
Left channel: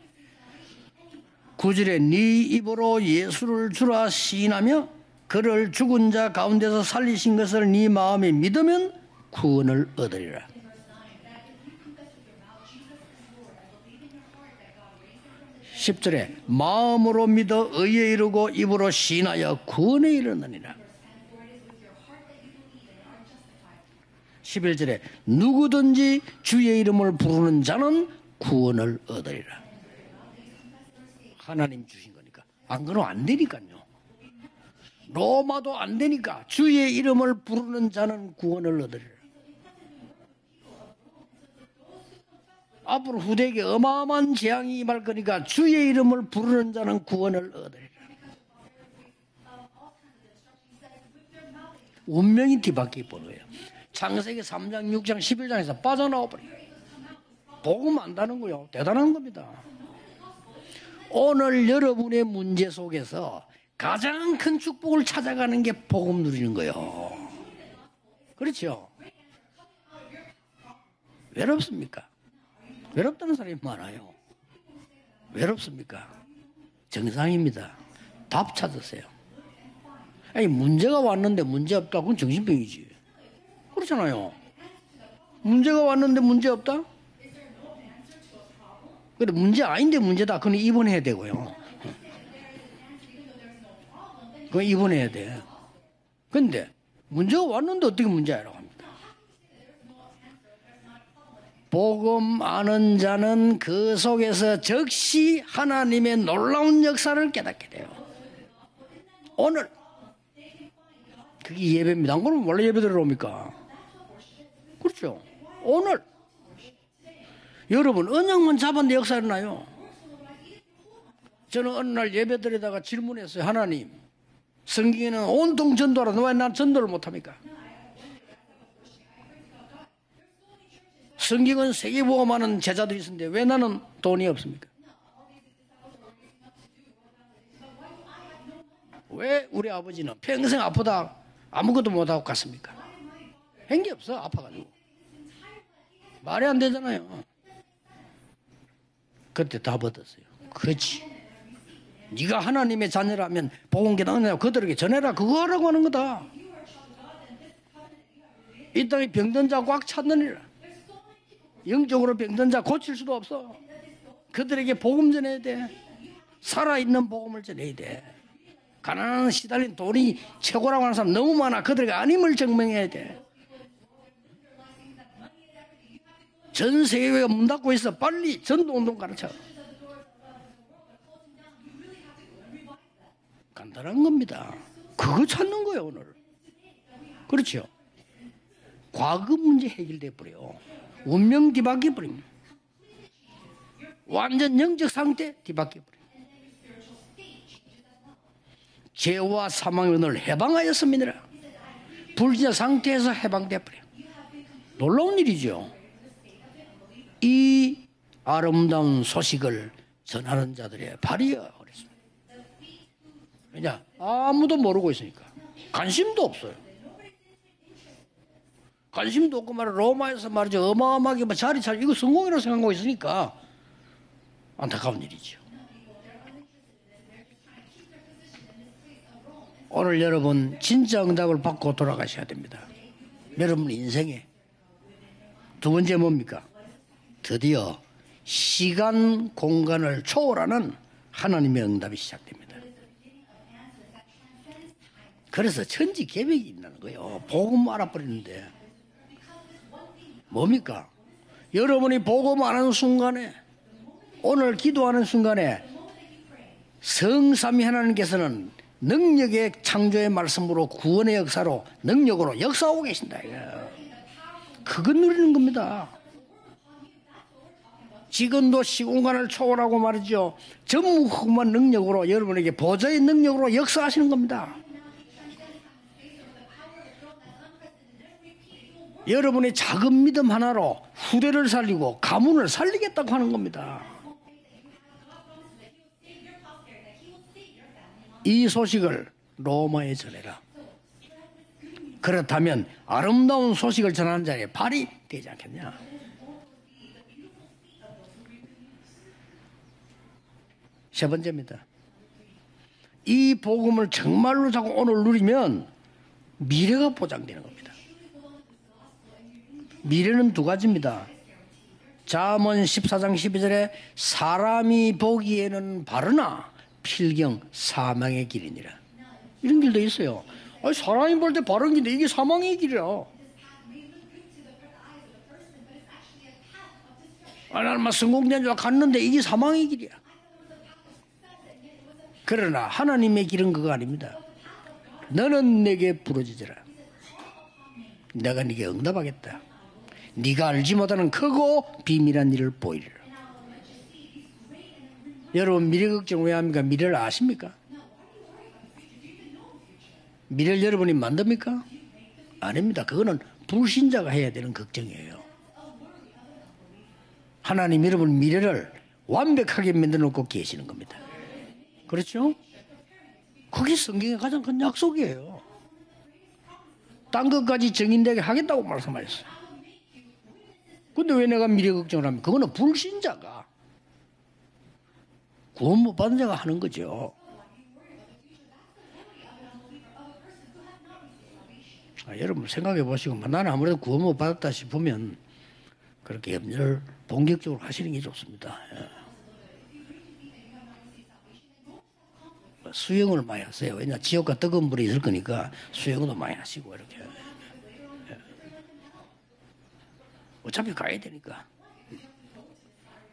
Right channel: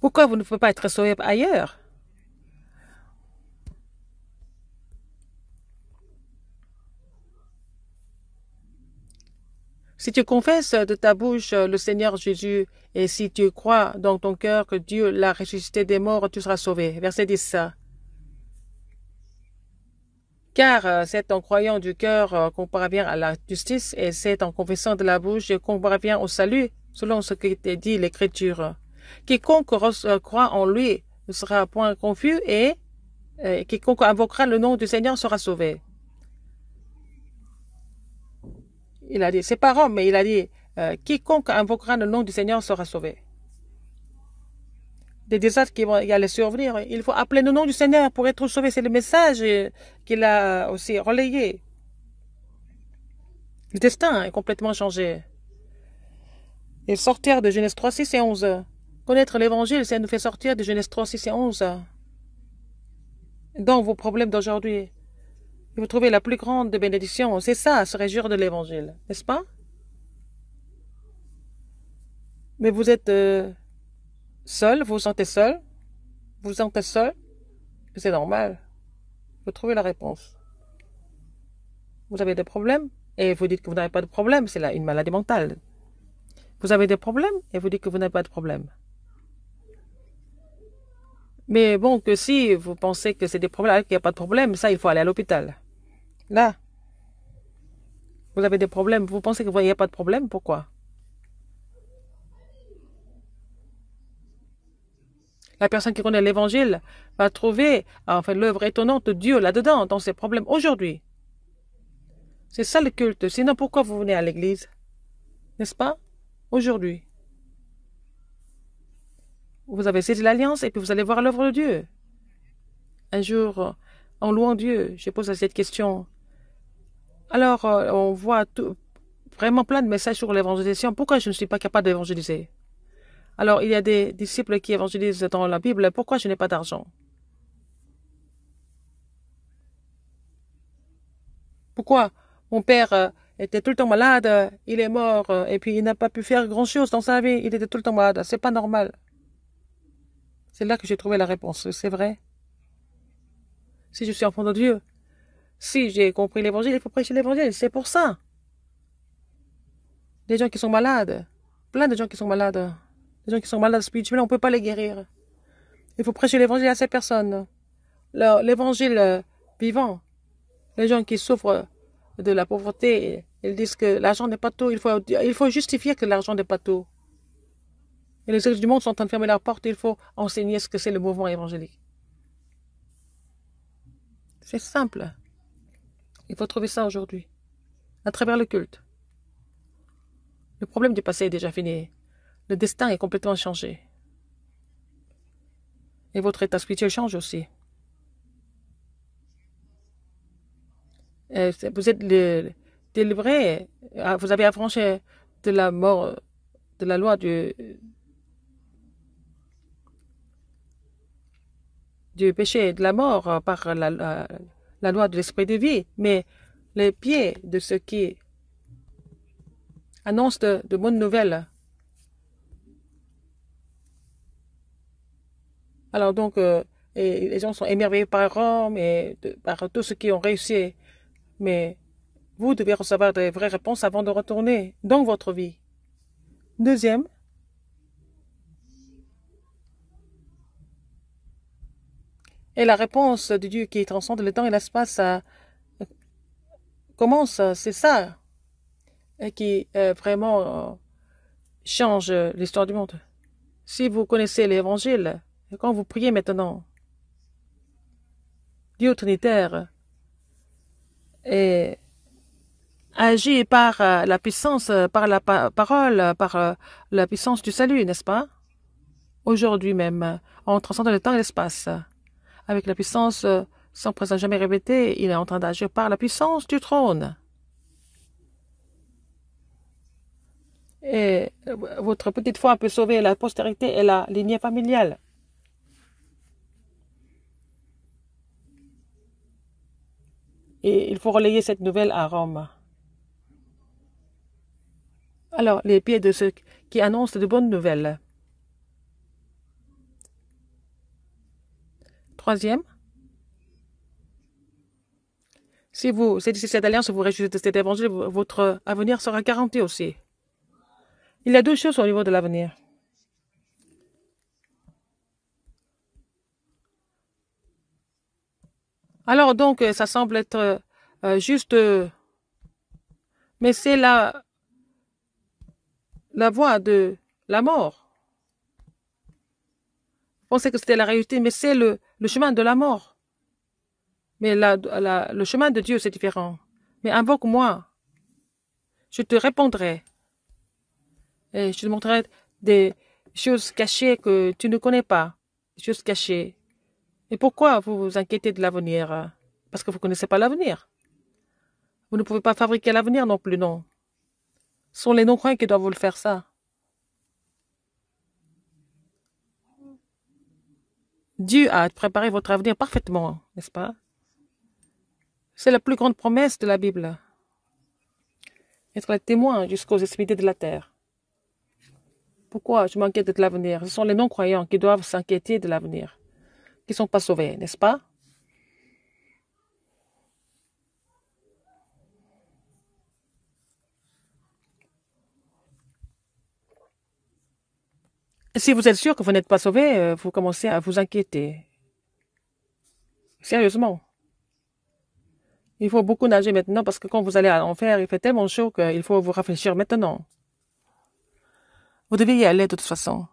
Pourquoi vous ne pouvez pas être sauvé ailleurs? 9절에 네 입으로 예수를 주라 시인하며 그를 죽은 자 가운데서 살리신 것을 네 마음에 믿으면 구원을 Si tu 얻으리라. confesses de ta bouche le Seigneur Jésus et si tu crois dans ton cœur que Dieu l'a ressuscité des morts, tu seras sauvé. Verset 마음으로 10. 믿어 의에 이르고 입으로 시인하여 구원에 이르느니. Car c'est en croyant du cœur qu'on parvient à la justice et c'est en confessant de la bouche qu'on parvient au salut, selon ce que dit l'Écriture. Quiconque croit en lui ne sera point confus et 안 그러면 안 되니까. quiconque invoquera le nom du Seigneur sera sauvé. 로마도 안 되니까 주의 이름을 부르는 자는 구원을 얻으리라. Il a dit, c'est pas Rome, mais il a dit, quiconque invoquera le nom du Seigneur sera sauvé. 앞으로 후대에게 어마어마한 재앙이 임할 거니까 Les désastres 주의 qui vont y 이름을 aller 부르는 survenir, 자는 il faut appeler le nom du Seigneur pour être sauvé. C'est le message qu'il a aussi relayé. 운명이 뒤바뀌어 버려요. Le destin est complètement changé. 6장 11장에서 빠져나와 버려. Et sortir de Genèse 3, 6 et 11. Connaître l'évangile, ça nous fait sortir de Genèse 3, 6 et 오늘 11. 여러분의 문제 속에서 Dans vos 가장 problèmes 큰 d'aujourd'hui, 축복을 찾아가는 게 vous trouvez la plus 복음인 grande 거예요. bénédiction. C'est ça, se réjouir de l'évangile. N'est-ce pas? 외롭습니까? Mais vous êtes 외롭다는 사람이 많아요. seul, vous vous sentez seul, 외롭습니까? vous vous sentez seul, 정상입니다. c'est normal. 답 찾으세요. Vous trouvez la réponse. 아니 문제가 왔는데 문제 없다. 그건 Vous avez des 정신병이지. problèmes et vous dites que vous n'avez pas de problème, c'est une maladie mentale. 문제가 왔는데 문제 Vous 없다. avez des problèmes et vous dites que vous n'avez pas de problème. 근데 문제 아닌데 문제다. 그건 입원해야 되고요. Mais bon, que si vous pensez que c'est des problèmes, alors qu'il n'y a pas de problème, ça, il faut aller à l'hôpital. Là, 근데 문제가 왔는데 어떻게 문제야? vous avez des problèmes, vous pensez qu'il n'y a pas de problème, pourquoi? 복음 아는 자는 그 속에서 즉시 La personne qui connaît 하나님의 놀라운 l'évangile 역사를 va 깨닫게. trouver enfin, l'œuvre étonnante de Dieu là-dedans, dans ses problèmes aujourd'hui. 그게 예배입니다. 안 그러면 원래 C'est ça le 예배를 culte. 오니까. Sinon, pourquoi vous venez à l'église? 그렇죠. N'est-ce pas? 오늘 Aujourd'hui. 여러분 언약만 잡았는데 역사 일어나요. Vous avez saisi l'alliance et puis vous allez voir l'œuvre de 저는 Dieu. 어느 날 예배드리다가 Un 질문했어요. jour, 하나님, en louant Dieu, je 성경에는 pose cette 온통 question. 전도하라. 왜 난 전도를 못합니까? Alors, on voit vraiment plein de messages sur l'évangélisation. Pourquoi je ne suis pas 성경은 capable d'évangéliser? 세계복음하는 제자들이 있는데 왜 Alors, il y a 나는 des 돈이 disciples 없습니까? qui évangélisent dans la Bible. Pourquoi je n'ai pas d'argent? 왜 우리 아버지는 평생 아프다 아무것도 Pourquoi 못하고 갔습니까? mon père était tout le temps malade, il est mort et puis il n'a pas pu faire grand-chose dans sa vie. Il était tout le temps malade. C'est pas normal. 그때 답 얻었어요. C'est là que j'ai 그렇지. trouvé la réponse. C'est vrai. 네가 하나님의 자녀라면 복음 Si je suis 계단냐 enfant de 그들에게 Dieu, 전해라 그거 하라고 하는 Si j'ai 거다. compris l'évangile, il faut prêcher l'évangile. C'est pour ça. 이 땅에 병든 자 꽉 찾는 Les 일. gens qui sont malades, plein de gens 영적으로 qui sont 병든 자 malades, 고칠 수도 les gens 없어. qui sont malades spirituellement, on ne peut pas les 그들에게 guérir. 복음 전해야 돼. Il faut prêcher l'évangile à ces 살아있는 personnes. 복음을 전해야 돼. L'évangile 가난한 시달린 vivant. 돈이 최고라고 Les gens 하는 qui 사람 너무 많아. souffrent 그들에게 de 아님을 la 증명해야 돼. pauvreté, ils disent que l'argent n'est pas tout. Il faut justifier que l'argent n'est pas tout. 전 세계가 문 닫고 있어. 빨리 Les autres du monde sont en train de fermer 전도를 leurs portes. Il faut enseigner ce que c'est le mouvement évangélique. 간단한 겁니다. C'est simple. 그거 찾는 거예요 오늘. Il faut trouver ça aujourd'hui, 그렇죠. à travers le culte. 과거 문제 해결돼 버려요. Le problème du passé est déjà 운명 fini. 뒤바뀌어 버립니다. Le destin est complètement changé. 완전 영적 상태 뒤바뀌어 버려요. Et votre état spirituel change aussi. 죄와 사망의 오늘 해방하였습니다. Vous êtes 불신의 상태에서 délivrés. 해방돼 버려요. Ah, vous avez affranchi 놀라운 de 일이죠. la mort, de la loi 이 아름다운 소식을 전하는 자들의 발이야. du péché et de la mort par 아무도 모르고 la loi de 있어요. l'esprit de vie. 관심도 Mais 없어요. les pieds de ceux qui 관심도 없고 말이야. 로마에서 annonce 말이야. de bonnes 어마어마하게 nouvelles. 자리 잘 이거 성공이라고 생각하고 있으니까 안타까운 일이죠. Alors donc, et les gens sont émerveillés par Rome et par tous ceux 오늘 qui ont 여러분 réussi. 진짜 응답을 Mais 받고 돌아가셔야 됩니다. Vous devez recevoir des vraies 여러분 réponses avant de 인생에. retourner dans votre vie. 두 번째 뭡니까? Deuxième, 드디어 시간 공간을 초월하는 하나님의 응답이 시작됩니다. et la réponse de Dieu qui transcende le temps et l'espace, 그래서 천지 계획이 있다는 거예요. Comment 복음 c'est ça? 알아보는데 qui vraiment, 뭡니까? 여러분이 change 복음 아는 l'histoire du monde. 순간에 si vous connaissez 오늘 기도하는 l'évangile, 순간에 quand vous priez maintenant, 성삼위 하나님께서는 Dieu 능력의 Trinitaire 창조의 말씀으로 구원의 역사로 et 능력으로 역사하고 계십니다. agit par la puissance, par la parole, par la puissance du salut, n'est-ce pas? 지금도 시공간을 Aujourd'hui 초월하고 même, 말이죠. en transcendant le temps et 전무후무한 l'espace, 능력으로 여러분에게 avec la 보좌의 puissance 능력으로 sans 역사하시는 présence jamais 겁니다. répétée, il est en train d'agir par la puissance du trône. 여러분의 작은 믿음 하나로 Et 후대를 살리고 votre petite 가문을 foi peut sauver 살리겠다고 la 하는 postérité 겁니다. et la lignée familiale. 이 소식을 로마에 전해라. Et il faut relayer cette nouvelle à Rome. 그렇다면 아름다운 소식을 전하는 자의 발이 되지 Alors, 않습니다. les pieds de ceux qui annoncent de bonnes nouvelles. 세 번째입니다. Troisième, 이 복음을 정말로 자꾸 오늘 누리면 si vous saisissez cette alliance, vous réjouissez de cet évangile, votre avenir sera garanti aussi. 미래는 두 가지입니다. Il y a deux choses au niveau de l'avenir. 잠언 14장 12절에 사람이 보기에는 바르나 필경 사망의 길이니라. Alors donc, 이런 ça 게 semble 있어요. être 사람이 볼 때 juste, 바른 길이 이게 사망의 길이라. mais c'est la voie de la mort. 얼마 성공된 줄 갔는데 이게 사망의 길이야. On sait que c'était la réalité, mais c'est le chemin de la 그러나 mort. 하나님의 길은 그거 아닙니다. Mais le chemin de Dieu, c'est différent. Mais invoque-moi, 내가 네게 je te 응답하겠다. répondrai. 네가 알지 못하는 Et 크고 je te montrerai 비밀한 일을 des 보이리라. choses cachées que tu ne connais pas. 여러분 choses 미래 cachées. 걱정 왜 합니까? 미래를 Et 아십니까? pourquoi vous vous inquiétez de l'avenir? Parce que vous ne connaissez pas l'avenir. 미래를 여러분이 만듭니까? Vous ne pouvez pas fabriquer 아닙니다. l'avenir non 그거는 plus, non. 불신자가 해야 되는 Ce sont 걱정. les non-croyants qui doivent vous le faire ça. 하나님 여러분 미래를 완벽하게 만들어 놓고 계시는 겁니다. Dieu a préparé 그렇죠? votre avenir parfaitement, n'est-ce pas? 그게 성경의 가장 큰 약속이에요. C'est la plus grande promesse de la Bible. 딴 것까지 증인되게 하겠다고 Être 말씀하셨어요. témoin jusqu'aux extrémités de la terre. 근데 왜 내가 미래 걱정을 합니까? 그거는 Pourquoi je m'inquiète de 불신자. l'avenir? Ce sont les non-croyants qui doivent s'inquiéter de l'avenir. 구원 못 받은 자가 하는 Qui ne 거죠. sont pas sauvés, n'est-ce pas? 여러분 생각해 보시고 나는 아무래도 구원 못 받았다 싶으면 그렇게 염려를 본격적으로 하시는 게 좋습니다. Si vous êtes sûr que vous n'êtes pas sauvé, vous commencez à vous inquiéter. 수영을 많이 Sérieusement. 하세요. 왜냐 지옥과 뜨거운 불이 있을 거니까. Il faut beaucoup 수영을 nager 많이 maintenant 하시고. parce que quand vous allez à l'enfer, il fait tellement chaud qu'il faut vous réfléchir maintenant. 어차피 가야 되니까 Vous devez y aller de toute façon.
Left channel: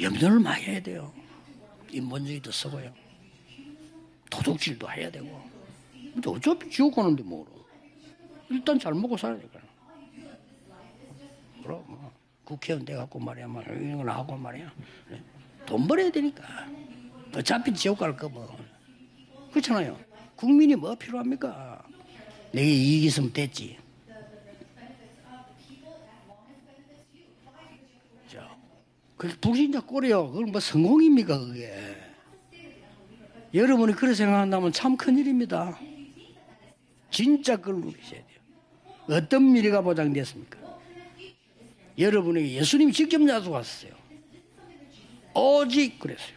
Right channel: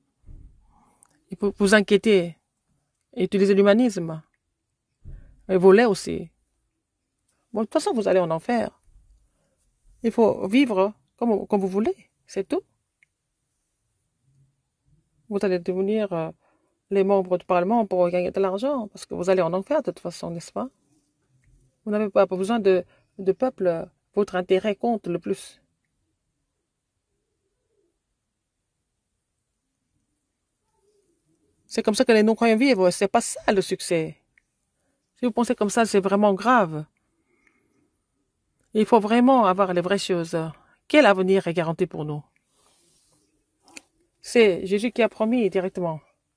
염려를 많이 해야 돼요. Il faut vous inquiéter 인본주의도 쓰고요. et utiliser l'humanisme. 도둑질도 해야 되고. Et voler aussi. 어차피 지옥 가는데 뭐. Bon, de toute façon, vous allez en enfer. 일단 잘 먹고 살아야 되니까. Il faut vivre comme vous voulez. C'est tout. 국회의원 돼갖고 말이야, 이런 걸 하고 말이야. Vous allez 돈 벌어야 devenir 되니까. les membres du 어차피 Parlement 지옥 pour 갈 gagner de 거고. l'argent. Parce que vous allez en enfer de 그렇잖아요. toute façon, n'est-ce pas? 국민이 뭐 필요합니까? Vous n'avez pas besoin 내 de 이익이 있으면 됐지. peuple. Votre intérêt compte le plus. 그게 불신자 꼴이요. 그건 뭐 성공입니까 그게? C'est comme ça que les non-croyants vivent. C'est pas ça le 여러분이 그렇게 succès. 생각한다면 참 Si vous pensez 큰일입니다. comme ça, c'est vraiment grave. 진짜 그걸 누리셔야 돼요. Il faut vraiment 어떤 avoir 미래가 les vraies choses. Quel avenir est garanti pour nous? 여러분에게 예수님이 직접 약속하셨어요. C'est Jésus qui a promis 오직 directement. 그랬어요.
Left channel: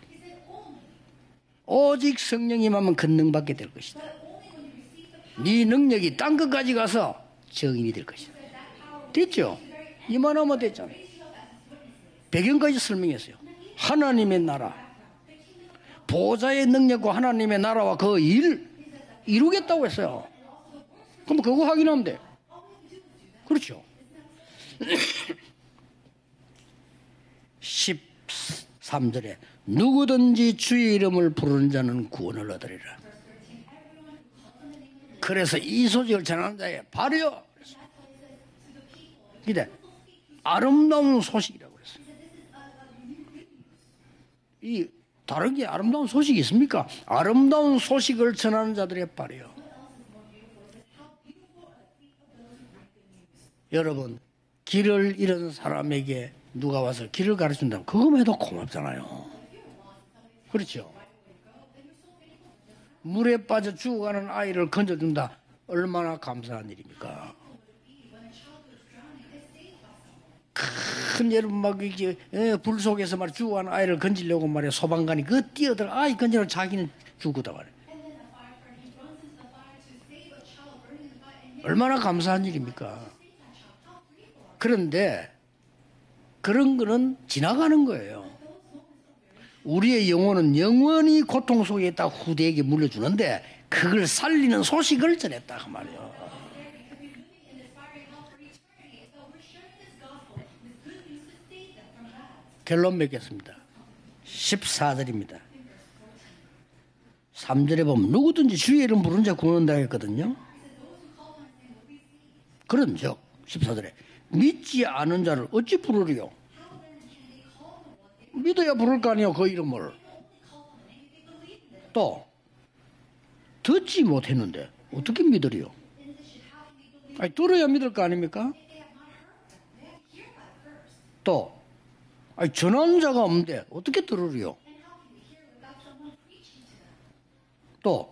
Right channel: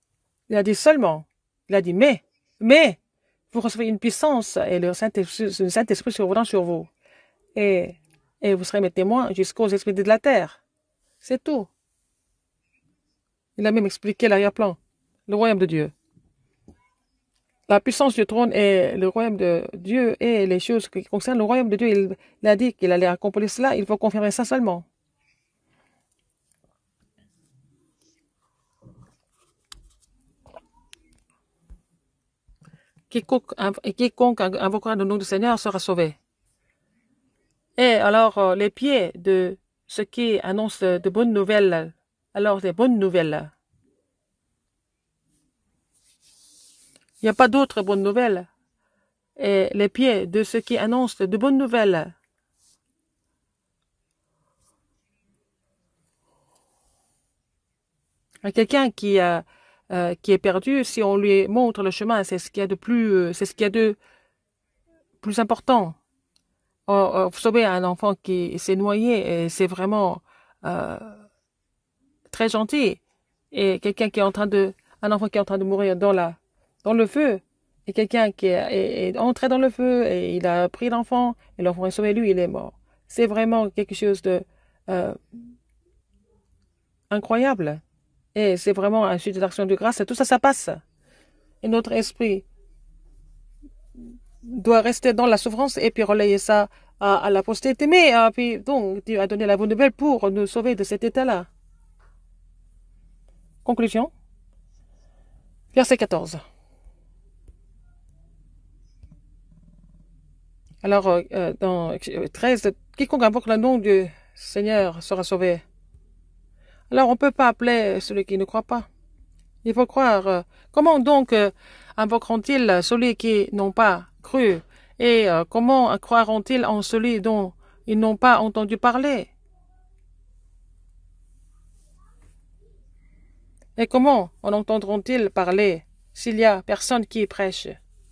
Il a dit seulement. Il a dit 오직 성령이 mais 임하면 권능받게 vous 될 recevez 것이다. une puissance et le Saint-Esprit 네 Saint-Esprit 능력이 sera 땅 sur 끝까지 vous. 가서 증인이 될 것이다. Et vous serez mes témoins 됐죠? jusqu'aux esprits de la terre. 이만하면 됐잖아요. C'est tout. 배경까지 설명했어요. Il a même expliqué 하나님의 l'arrière-plan. 나라, Le royaume de Dieu. 보좌의 능력과 하나님의 La 나라와 puissance 그 du trône 일, et le royaume 이루겠다고 de Dieu 했어요. et les choses qui concernent le 그럼 royaume de 그거 Dieu. 확인하면 Il a dit qu'il allait accomplir cela. Il faut confirmer ça seulement. 13절에 누구든지 주의 이름을 부르는 자는 구원을 얻으리라. quiconque invoquera le nom du Seigneur 그래서 sera 이 sauvé. 소식을 전하는 자의 발이요. Et alors, les pieds de ceux qui annoncent de bonnes nouvelles, alors des bonnes nouvelles. 이 다른 게 아름다운 소식이 있습니까? pas 아름다운 d'autres bonnes 소식을 nouvelles. 전하는 자들의 발이요. Et les pieds de ceux qui annoncent de bonnes nouvelles. 여러분, 길을 잃은 사람에게 누가 와서 길을 가르친다면 그거만 해도 Quelqu'un 고맙잖아요. qui est perdu, si on lui montre le chemin, c'est ce qu'il y a de plus, 물에 c'est ce qu'il y a 빠져 de 죽어가는 아이를 건져준다. plus important. 얼마나 감사한 일입니까? Sauver un enfant qui s'est noyé, et c'est vraiment 큰 여러분 막 이게 très 불 gentil. 속에서 말 Et 죽어가는 아이를 quelqu'un qui est en train 건지려고 말이야. un 소방관이 enfant qui est en train de mourir 아이 dans 건지려 자기는 dans le feu. 죽었다 말이야. Et quelqu'un qui est entré dans le feu et il a pris l'enfant et l'enfant 얼마나 sauvé lui, il 감사한 est mort. 일입니까? C'est vraiment quelque chose de... 그런데 그런 거는 incroyable. 지나가는 거예요. Et c'est vraiment un sujet d'action de grâce. 우리의 Et tout ça, ça 영혼은 passe. 영원히 고통 속에 Notre 있다 esprit 후대에게 물려주는데 그걸 살리는 doit rester 소식을 dans la 전했다. souffrance et puis relayer ça à la postérité. Mais puis, donc, Dieu a donné la bonne nouvelle pour nous sauver de cet état-là. 결론 맺겠습니다. Conclusion, 14절입니다. verset 14. 3절에 보면 누구든지 주의 이름 부르는 자 구원한다 했거든요. Alors, dans 13, 그럼요. quiconque invoque le nom du 믿지 Seigneur 않은 sera 자를 sauvé. 어찌 부르리요? Alors, on ne peut pas appeler celui qui ne croit 믿어야 pas. 부를 거 아니에요, 그 Il faut 이름을. croire. Comment donc invoqueront-ils celui qui n'ont pas 듣지 cru? 못했는데 Et 어떻게 믿으리요? comment croiront-ils en celui dont 들어야 믿을 ils 거 n'ont pas 아닙니까? entendu parler? 또 아니, 전하는 자가 없는데 Et 어떻게 comment 들으리요? en entendront-ils parler s'il y a personne qui prêche? 또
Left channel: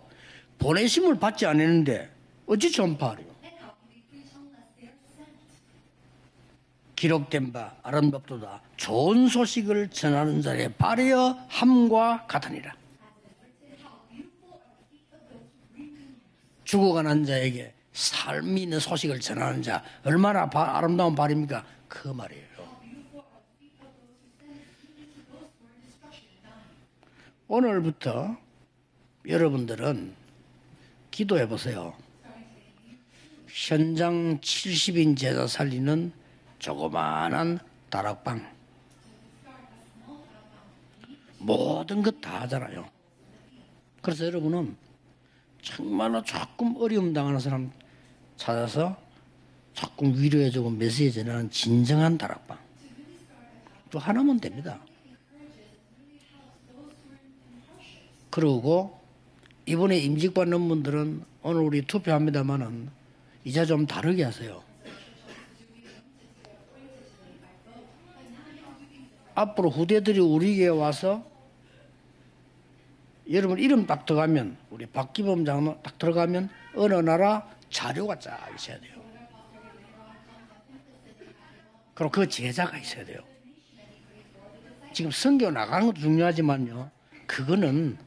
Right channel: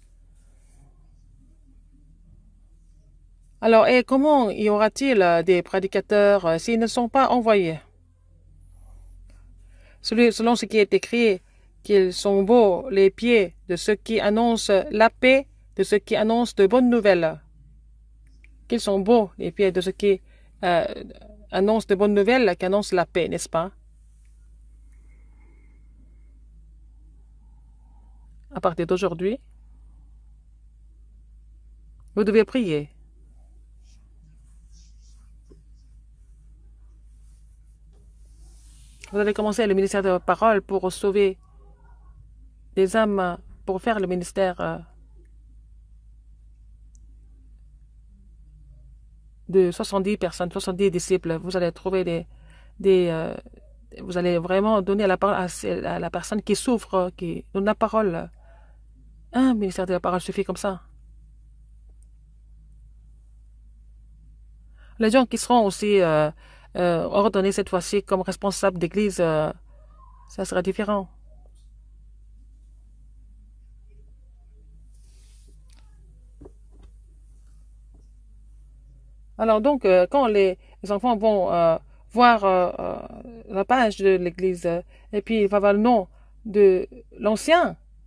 보내심을 받지 않았는데 어찌 전파하리요? Alors, et comment y aura-t-il des prédicateurs s'ils ne sont pas envoyés? 기록된 바 아름답도다. 좋은 소식을 전하는 Selon ce qui 자의 est écrit, 발이여 함과 qu'ils sont 같으리라. beaux les pieds de ceux qui annoncent la paix, de ceux qui annoncent de bonnes 죽어가는 nouvelles. 자에게 삶이 있는 Ils sont 소식을 beaux les 전하는 pieds 자 de ceux qui 얼마나 아름다운 발입니까? annoncent de bonnes nouvelles, qui annoncent la paix, n'est-ce pas? 오늘부터 À partir d'aujourd'hui, 여러분들은 기도해 보세요. vous devez prier. 현장 70인 제자 살리는 조그마한 다락방 Vous allez commencer le ministère de la parole pour sauver 모든 것 다 하잖아요. des âmes, pour faire le 그래서 ministère 여러분은 정말로 조금 어려움 당하는 사람 찾아서 de 70 personnes, 70 disciples. Vous allez trouver 진정한 다락방. vous allez vraiment donner la parole à la personne qui souffre, qui donne la parole. 그리고 Un ministère de 이번에 la parole 임기 suffit pour 받는 ça. 분들은 오늘 우리 투표합니다만은 이제 좀 다르게 하세요. Les gens qui seront aussi ordonnés cette fois-ci comme responsables d'église, 앞으로 후대들이 sera 우리에게 différent. 와서 여러분 이름 딱 들어가면 우리 박기범 장로 딱 들어가면 어느 나라 자료가 쫙 있어야 돼요. alors donc, quand les enfants vont 그럼 그 voir 제자가 있어야 돼요. la page de l'église, 지금 et puis il 성경 va voir le nom 나가도 중요하지만 de l'ancien, 그거는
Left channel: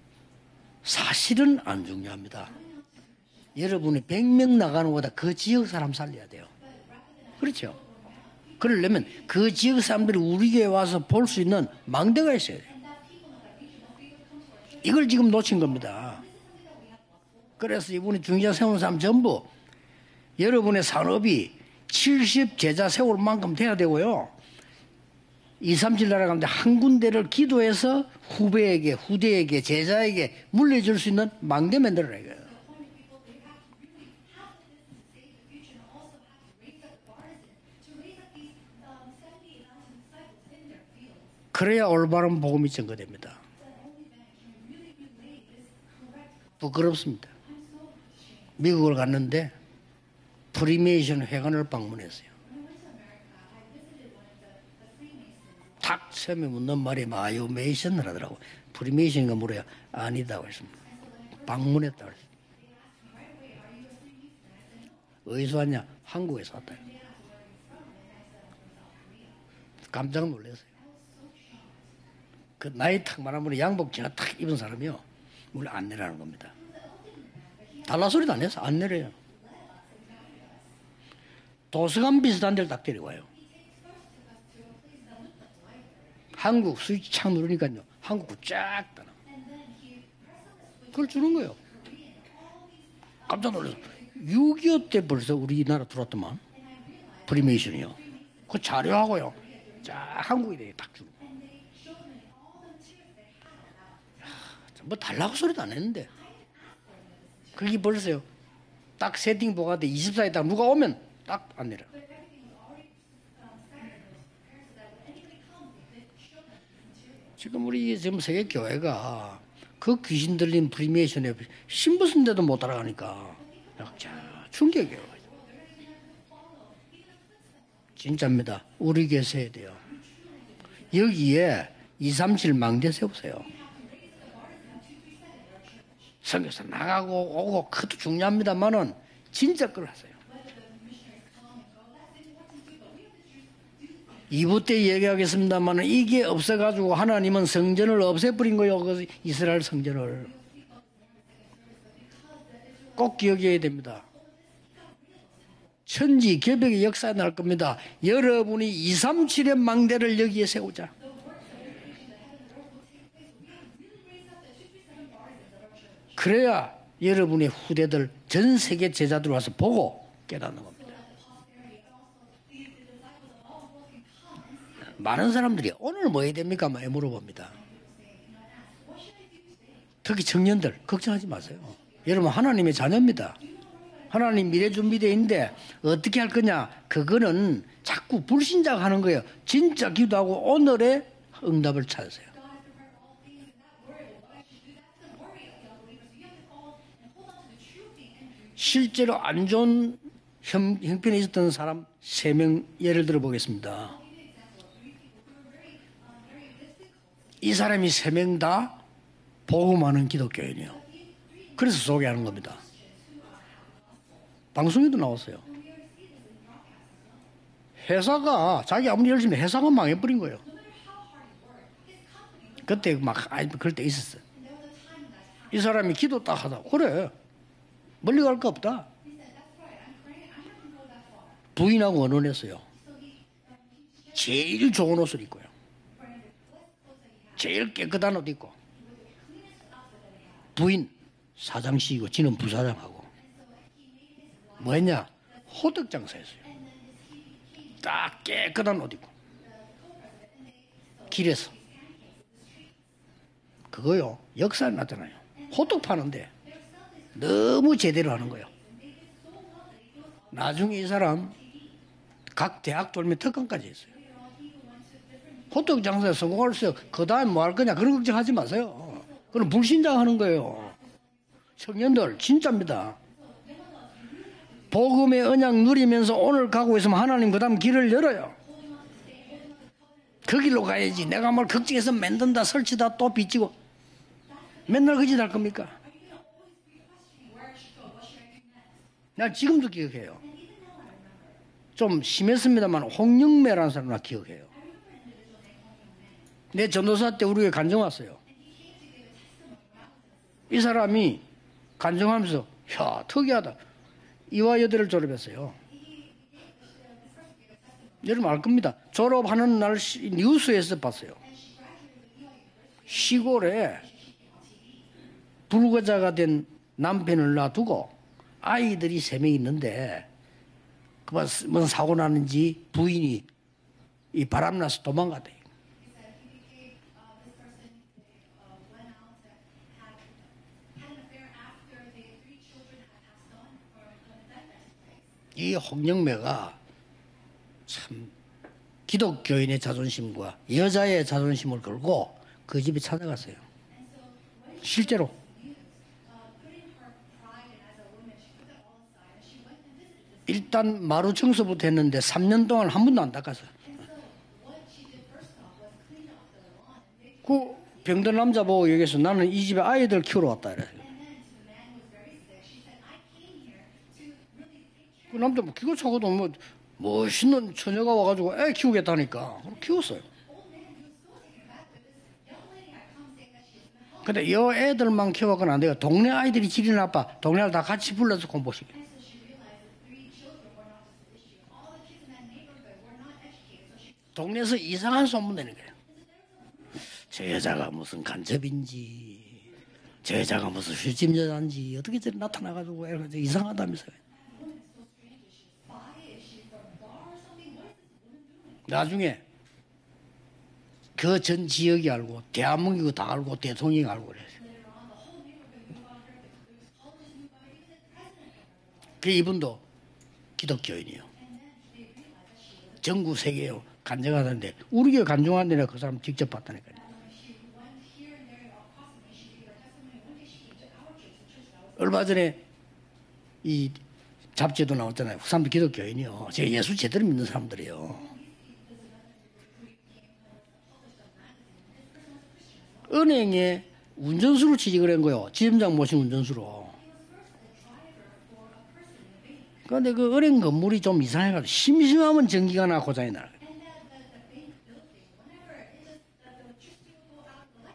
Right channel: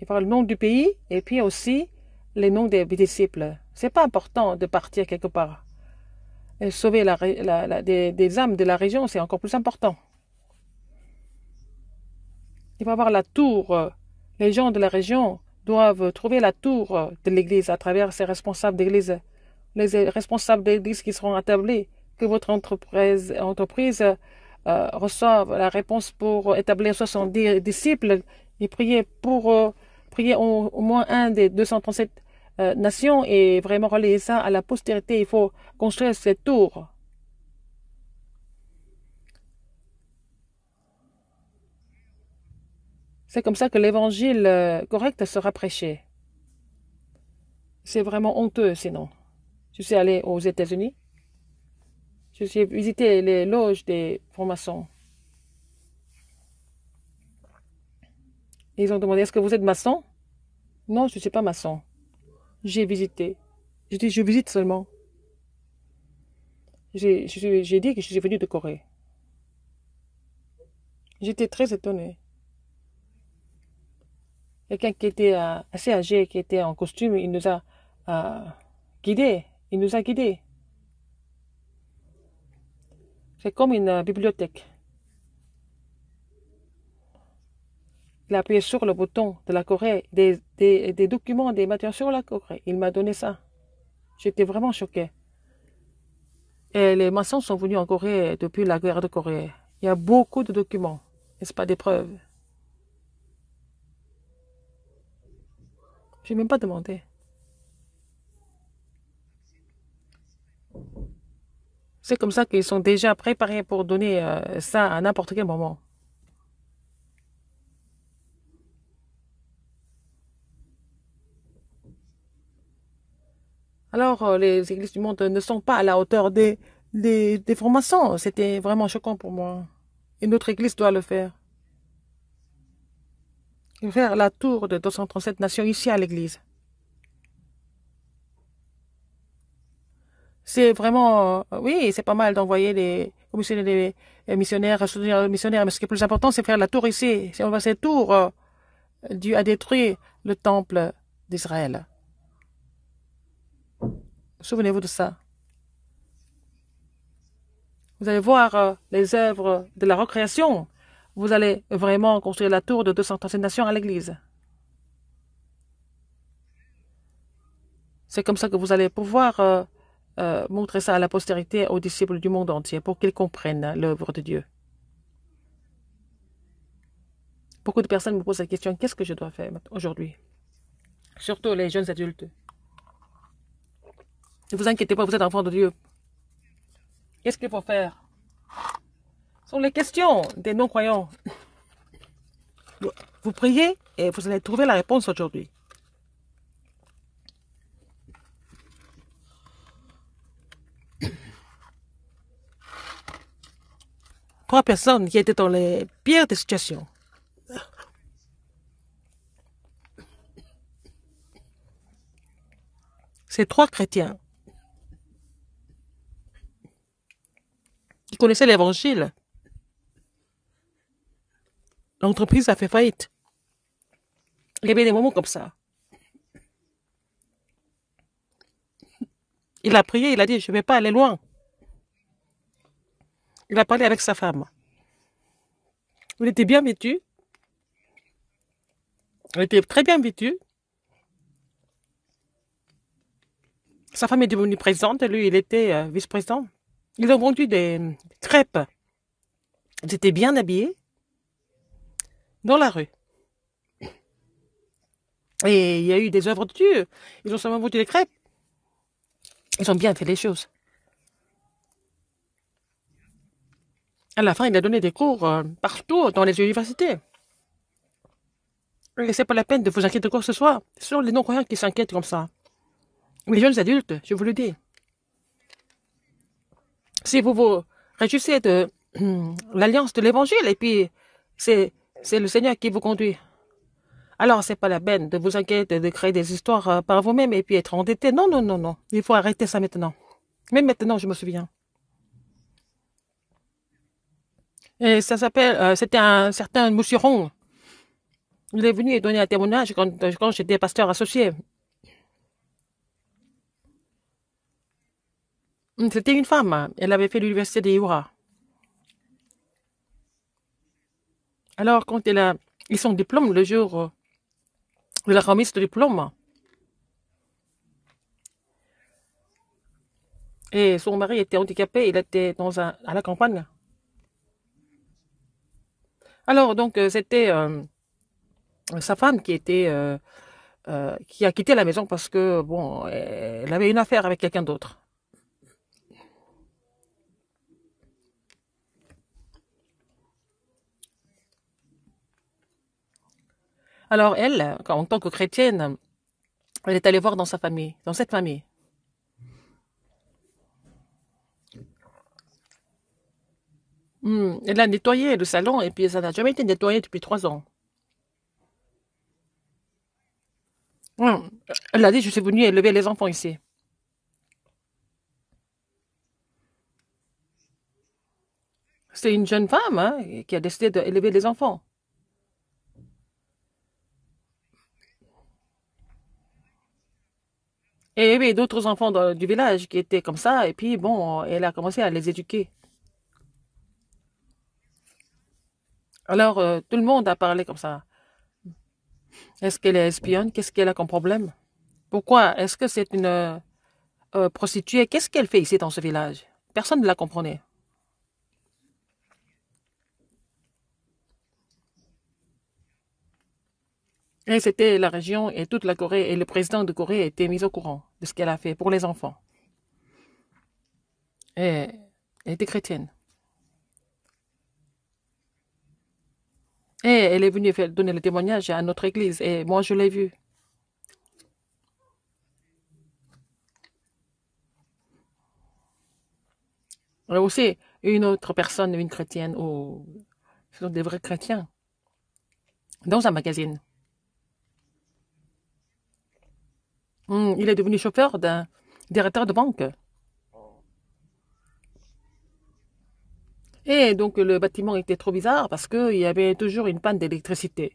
il va voir le nom du pays, et puis 사실은 aussi 안 중요합니다. les noms des disciples. C'est 여러분이 pas important 100명 de 나가는 partir 거보다 quelque 그 part. 지역 사람 살려야 돼요. Et sauver des âmes de la région, 그러려면 c'est encore 그 plus 지역 important. 사람들이 우리 교회 와서 볼 수 있는 망대가 있어야 돼요. Il va voir la tour. Les gens de la 이걸 지금 région 놓친 겁니다. doivent trouver la tour de l'église à 그래서 travers 우리 ces 중자 responsables 사람 d'église. 전부 Les responsables 여러분의 d'église qui seront 산업이 établis sur votre 70 제자 세울 만큼 돼야 entreprise 되고요. reçoivent la 2, réponse 3주 나가는데 pour 한 établir 군데를 70 기도해서 disciples. 후배에게, Priez 후대에게, pour 제자에게 prier au 물려줄 moins 수 un 있는 des 망대 237 만들어야 돼요. nations et vraiment relayer ça à la postérité. Il faut construire cette tour. 그래야 올바른 복음이 전거됩니다. C'est comme ça que l'évangile correct sera prêché. 부끄럽습니다. C'est vraiment honteux. 미국을 갔는데 Je suis allé aux États-Unis. 프리메이션 회관을 방문했어요. Je suis visité les loges des francs-maçons. 탁 처음에 묻는 말이 마요 메이션을 하더라고. Ils ont demandé est-ce que vous êtes maçon? 아니다고 했습니다. Non, je ne suis pas maçon. 방문했다고 했어요. J'ai visité. Je dis, je visite seulement. 어디서 왔냐? 한국에서 왔다. J'ai dit que je suis venu de Corée. 깜짝 놀랐어요. J'étais très étonné. 그 나이 탁 많은 분이 양복 제가 탁 입은 Quelqu'un 사람이요. qui était assez âgé, qui était en costume, il nous a 달라 소리도 안 해서 안 내려요. guidés. Il nous a guidés. 도서관 비슷한 데를 딱 데려와요. C'est comme une bibliothèque. 한국 스위치 착 누르니까요. 한국 Il a appuyé sur le bouton de la Corée, des documents, des matières sur la Corée. Il m'a donné ça. 깜짝 놀랐어. J'étais vraiment 6.25 choqué. 때 벌써 우리나라 들어왔더만. Et les maçons sont venus en Corée depuis la guerre de Corée. Il y a beaucoup de documents, n'est-ce pas, des preuves. 뭐 달라고 소리도 안 했는데. Je n'ai même pas demandé. 그게 벌써요. 딱 세팅 보가돼 24일 딱 누가 오면 딱 안 내려. C'est comme ça qu'ils sont déjà préparés pour donner ça à n'importe quel moment. 지금 우리 지금 세계 교회가 그 귀신 들린 프리메이션에 신부 쓴데도 못 따라가니까. Alors, les églises du monde ne sont pas à la hauteur des francs-maçons. C'était vraiment choquant pour moi. Et notre église doit le faire. 여기에 237 망대 세우세요. Faire la tour de 237 nations ici à l'église. 성교사 나가고 오고 그것도 중요합니다만은 진짜 걸 하세요. C'est vraiment, oui, c'est pas mal d'envoyer les missionnaires, les missionnaires, mais le plus important, c'est faire la tour ici. Si on fait cette tour, Dieu a détruit le temple d'Israël. 꼭 기억해야 됩니다. Souvenez-vous de ça. 천지 개벽의 역사에 날 겁니다. Vous allez voir 여러분이 les 237의 œuvres de la 망대를 여기에 recréation. 세우자. Vous allez vraiment construire la tour de 237 nations à l'église. 그래야 여러분의 후대들 C'est comme ça 전 que vous allez 세계 제자들 와서 pouvoir 보고 montrer ça à la postérité, aux disciples du monde entier, pour qu'ils comprennent l'œuvre de Dieu. 많은 사람들이 오늘 뭐 해야 됩니까? 많이 물어봅니다. Beaucoup de personnes me posent la question, qu'est-ce que je dois faire aujourd'hui? 특히 청년들 걱정하지 Surtout 마세요. les jeunes adultes. 여러분 하나님의 자녀입니다. 하나님 vous 미래 inquiétez pas, vous êtes enfants de 준비되는데 Dieu. 어떻게 할 거냐? Qu'est-ce qu'il 그거는 faut faire? 자꾸 불신자하는 거예요. les 진짜 questions 기도하고 des 오늘의 non-croyants. 응답을 찾으세요. Vous priez et vous allez trouver la réponse aujourd'hui. 실제로 안 좋은 형편에 있었던 사람 3명 예를 들어 보겠습니다. 3 personnes qui étaient dans les pires des situations. 이 사람이 3명 다 복음하는 기독교인이에요. 그래서 소개하는 겁니다. C'est 3 chrétiens. 방송에도 나왔어요. 회사가 connaissez 자기 l'évangile. 아무리 열심히 회사가 망해버린 거예요. L'entreprise a fait 그때 faillite. 막 그럴 때 있었어. Il y avait des moments comme ça. 이 사람이 기도 딱 하다 그래 멀리 갈 거 없다. Il a prié, il a dit, je ne vais pas aller loin. 부인하고 언론했어요. Il a parlé avec sa femme. 제일 좋은 옷을 입고요. Il était bien vêtu. 제일 깨끗한 옷 입고 Il était très bien vêtu. 부인 사장식이고 지는 부사장하고 Sa femme est devenue présidente et lui, il était vice-président. Ils ont vendu des 딱 crêpes. 깨끗한 옷 입고 Ils étaient bien habillés 길에서 dans la rue. 그거요 역사에 나타나요. Et il y a eu des œuvres de Dieu. 너무 제대로 하는 거예요. Ils ont bien fait les choses. 나중에 이 사람 각 대학 돌면 특강까지 했어요. À la fin, il a donné des cours 호떡 partout dans les 장사에서 universités. 그 다음 뭐 할 거냐 그런 걱정하지 마세요. Et c'est pas la peine de vous inquiéter de quoi que ce soit. Ce sont les non-croyants qui s'inquiètent pour ça. 진짜입니다. Les jeunes adultes, je vous le dis. 복음의 언약 누리면서 오늘 가고 있으면 Si 하나님 vous 그다음 vous 길을 열어요. réjouissez de l'alliance de l'évangile, et 길로 puis 가야지. 내가 뭘 c'est 걱정해서 c'est le 맨날 Seigneur qui vous 설치다 또 conduit. 빚지고 Alors, c'est pas la Maintenant, peine de que vous j'ai inquiéter de créer des histoires par vous-même et puis être endetté. Non, non, non, non. Il faut arrêter ça 지금도 maintenant. 기억해요. Même maintenant, je me souviens. 좀 심했습니다만 홍영매라는 사람을 기억해요. Et ça s'appelle, c'était un certain 내 Monsieur 전도사 때 Rong. 우리에게 간증 왔어요. Il est venu et donné un témoignage quand j'étais 이 pasteur associé. 간증하면서 야 특이하다. 이화여대를 졸업했어요. C'était une femme. Elle avait fait l'université de Iura. 여러분 알 겁니다. 졸업하는 날 뉴스에서 봤어요. Alors, quand elle a eu son diplôme, le jour de la remise de diplôme, 불구자가 된 남편을 놔두고 아이들이 3명 있는데 et son mari était handicapé, il était à la campagne. 이 바람나서 도망가대. Alors, donc, c'était sa femme qui a quitté la maison parce que, bon, elle avait une affaire avec quelqu'un d'autre. 이 홍영매가 참 기독교인의 자존심과 여자의 자존심을 걸고 그 집에 찾아갔어요. Alors, elle, en tant que chrétienne, elle est allée voir dans sa famille, dans cette famille. 일단 마루 청소부터 했는데 3년 동안 한 번도 안 닦았어요. Elle a nettoyé le salon et puis ça n'a jamais été nettoyé depuis 3 ans. 병든 남자 보고 여기서 나는 이 집에 아이들 키우러 왔다 이래. Elle a dit, je suis venue élever les enfants ici. 그 남자 뭐 기고 차고도 뭐 멋있는 처녀가 와가지고 애 키우겠다니까. C'est une jeune femme qui a décidé d'élever les enfants. 근데 이 애들만 키워서는 안 돼요. 동네 아이들이 질이 나빠. 동네를 다 같이 Et il y avait 불러서 d'autres enfants du village qui étaient comme ça et puis bon, elle a commencé à les éduquer. 동네에서 이상한 소문 내는 거예요. Alors tout le monde a parlé comme 제자가 ça. 무슨 간첩인지. Est-ce qu'elle est espionne? 제자가 Qu'est-ce qu'elle a 무슨 comme problème? 실진여자인지 어떻게 Pourquoi? 저렇게 Est-ce que c'est 따라가는 거예요? une 이상하다면서요. prostituée? Qu'est-ce qu'elle fait ici dans ce village? Personne ne la comprenait. 나중에 그 전 지역이 알고 대한민국이 다 알고 대통령이 알고 그래. Et c'était la région et toute la Corée et le président de Corée était mis au courant de ce qu'elle a fait pour les enfants. 이분도 기독교인이요. Et elle était chrétienne. 전국 세계에 간증하는데 우리 교회 간증하는데 내가 그 사람 직접 봤다니까요. Et elle est venue donner le témoignage à notre église et moi je l'ai vu. 얼마 전에 이 잡지도 나왔잖아요. 그 사람도 기독교인이요. 제가 예수 제대로 믿는 Aussi, 사람들이에요. une autre personne, une chrétienne, ou ce sont des vrais chrétiens. Dans un magazine. 은행에 운전수로 취직을 한 거요. 지점장 모신 운전수로. Il est devenu chauffeur d'un directeur de banque. 그런데 그 은행 건물이 좀 이상해가지고 심심하면 전기가 나 고장이 나. Et donc le bâtiment était trop bizarre parce qu'il y avait toujours une panne d'électricité.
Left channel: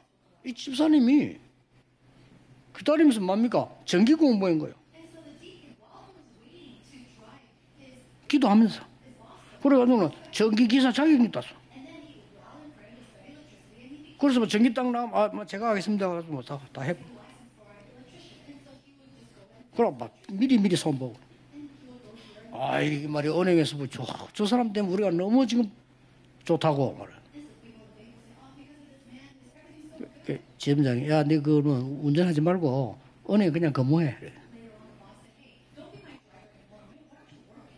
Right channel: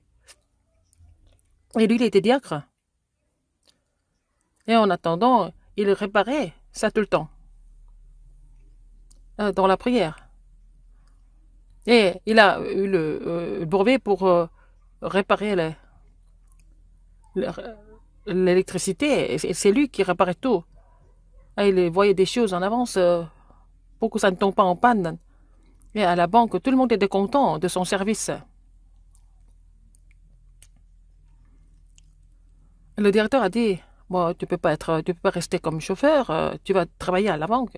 이 집사님이 Et lui, il était diacre. 기다리면서 뭡니까? 전기 공부한 거예요. Et en attendant, il réparait ça tout le temps, 기도하면서. dans la prière. 전기 기사 자격증 땄어. Et il a eu le brevet pour 그래서 전기 딱 나. réparer 제가 하겠습니다. 그래서 뭐다 해. l'électricité. Et c'est lui qui réparait tout. 미리 손보고. Et il voyait des choses en avance 은행에서 pour que ça ne tombe pas en panne. 너무 지금 Et à la banque, tout le monde était content de son service. 지점장이 야, 네 그거는 운전하지 말고 Le directeur a 은행 dit, 그냥 근무해. bon, tu peux pas rester comme chauffeur, tu vas travailler à la banque,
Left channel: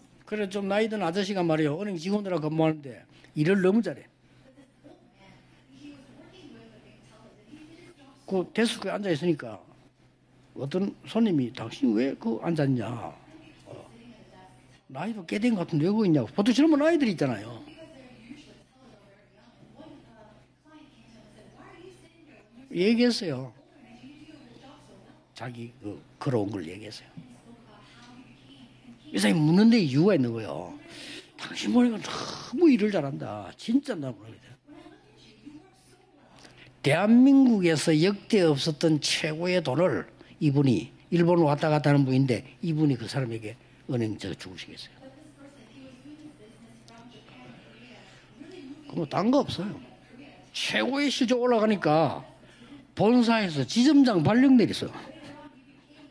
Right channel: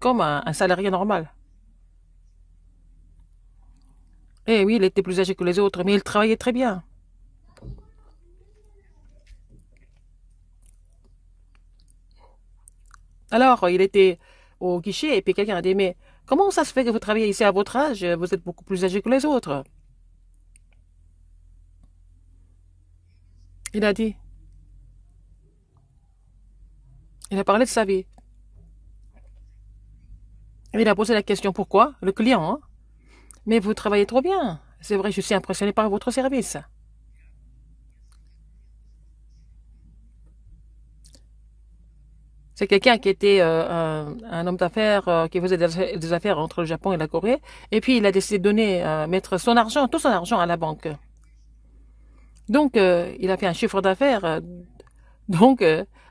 comme un salarié normal. 아저씨가 말이요. 은행 직원들하고 근무하는데 일을 너무 잘해. Et oui, il était plus âgé que les autres, mais il travaillait très bien. 그 데스크에 앉아 있으니까 어떤 손님이 당신 왜 그 앉았냐? Alors, il était au guichet et puis quelqu'un a dit, mais comment ça se fait que vous travaillez ici à votre âge? Vous êtes beaucoup plus âgé que les autres. 얘기했어요. Il a dit, 자기 그 걸어온 걸 얘기했어요. il a parlé de sa vie. 이 사람이 묻는데 이유가 있는 거예요. Il a posé la question pourquoi, le client. 너무 일을 잘한다. Mais vous 진짜 travaillez trop bien. C'est vrai, je suis impressionné par votre service. 대한민국에서 역대 없었던 최고의 돈을 이분이 일본 왔다 갔다 하는 분인데 C'est quelqu'un qui était un homme d'affaires qui faisait des affaires entre le Japon et la Corée. Et puis il a décidé de donner, mettre son argent, tout son argent à la banque. 최고의 실적 올라가니까 Donc il a fait un chiffre d'affaires. 발령 내렸어. Donc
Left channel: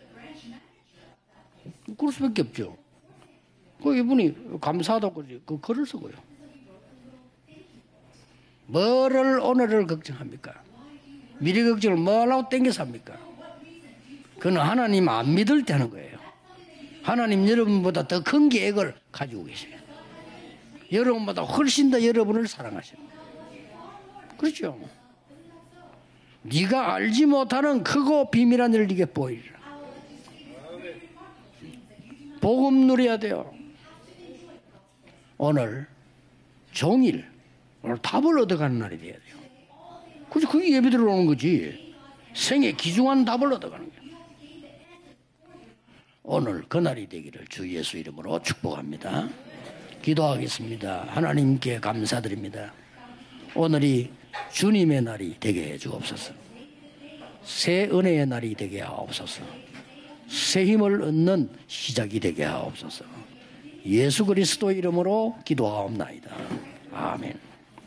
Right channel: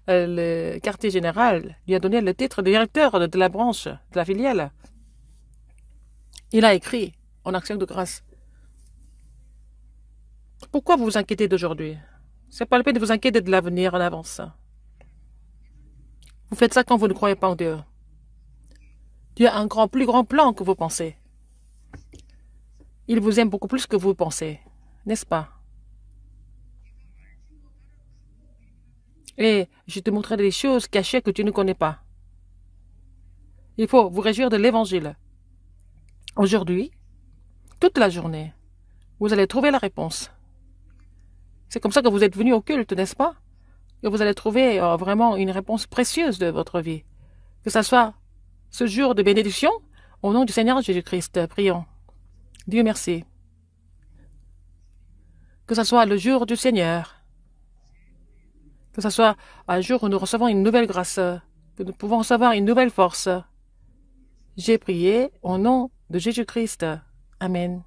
le quartier général lui a donné le titre de directeur de la branche, de la filiale. 감사하다고 그 글을 쓰고요. Il a écrit en action de grâce. 뭐를 오늘을 걱정합니까? Pourquoi vous vous inquiétez 미래 d'aujourd'hui? 걱정을 뭐라고 C'est pas la peine 땡겨서 de vous inquiéter de l'avenir en avance. 그는 하나님 안 믿을 때 하는 거예요. Vous faites ça quand vous ne croyez 하나님 pas en Dieu. 여러분보다 더 큰 계획을 가지고 Dieu a un plus grand plan que vous pensez. 여러분보다 훨씬 더 여러분을 사랑하셔. Il vous aime beaucoup plus que vous pensez, 그렇죠? n'est-ce pas? 네가 알지 못하는 크고 비밀한 일을 네게 보여. Et je te montrerai des choses cachées que tu ne connais pas. 복음 누려야 돼요. Il faut vous réjouir de l'évangile. 오늘 Aujourd'hui, 종일 toute la 답을 journée, 얻어가는 날이에요. vous allez trouver la réponse. 그게 예배 들어오는 거지. C'est comme ça que vous êtes venu au 생애 culte, n'est-ce 귀중한 pas? 답을 얻어가는 거예요. Et vous allez trouver vraiment une réponse précieuse de 오늘 votre 그날이 vie. 되기를 주 Que ça 예수 soit 이름으로 ce jour de 축복합니다. bénédiction, au nom du Seigneur Jésus-Christ, 하나님께 prions. 감사드립니다. Dieu merci. 오늘이 주님의 날이 되게 Que ça soit le jour du Seigneur. 새 은혜의 날이 되게 Que ce soit un jour où nous recevons une nouvelle grâce, que nous pouvons recevoir une nouvelle force. 예수 그리스도 J'ai prié 이름으로 au nom de 기도하옵나이다. Jésus-Christ. 아멘. Amen.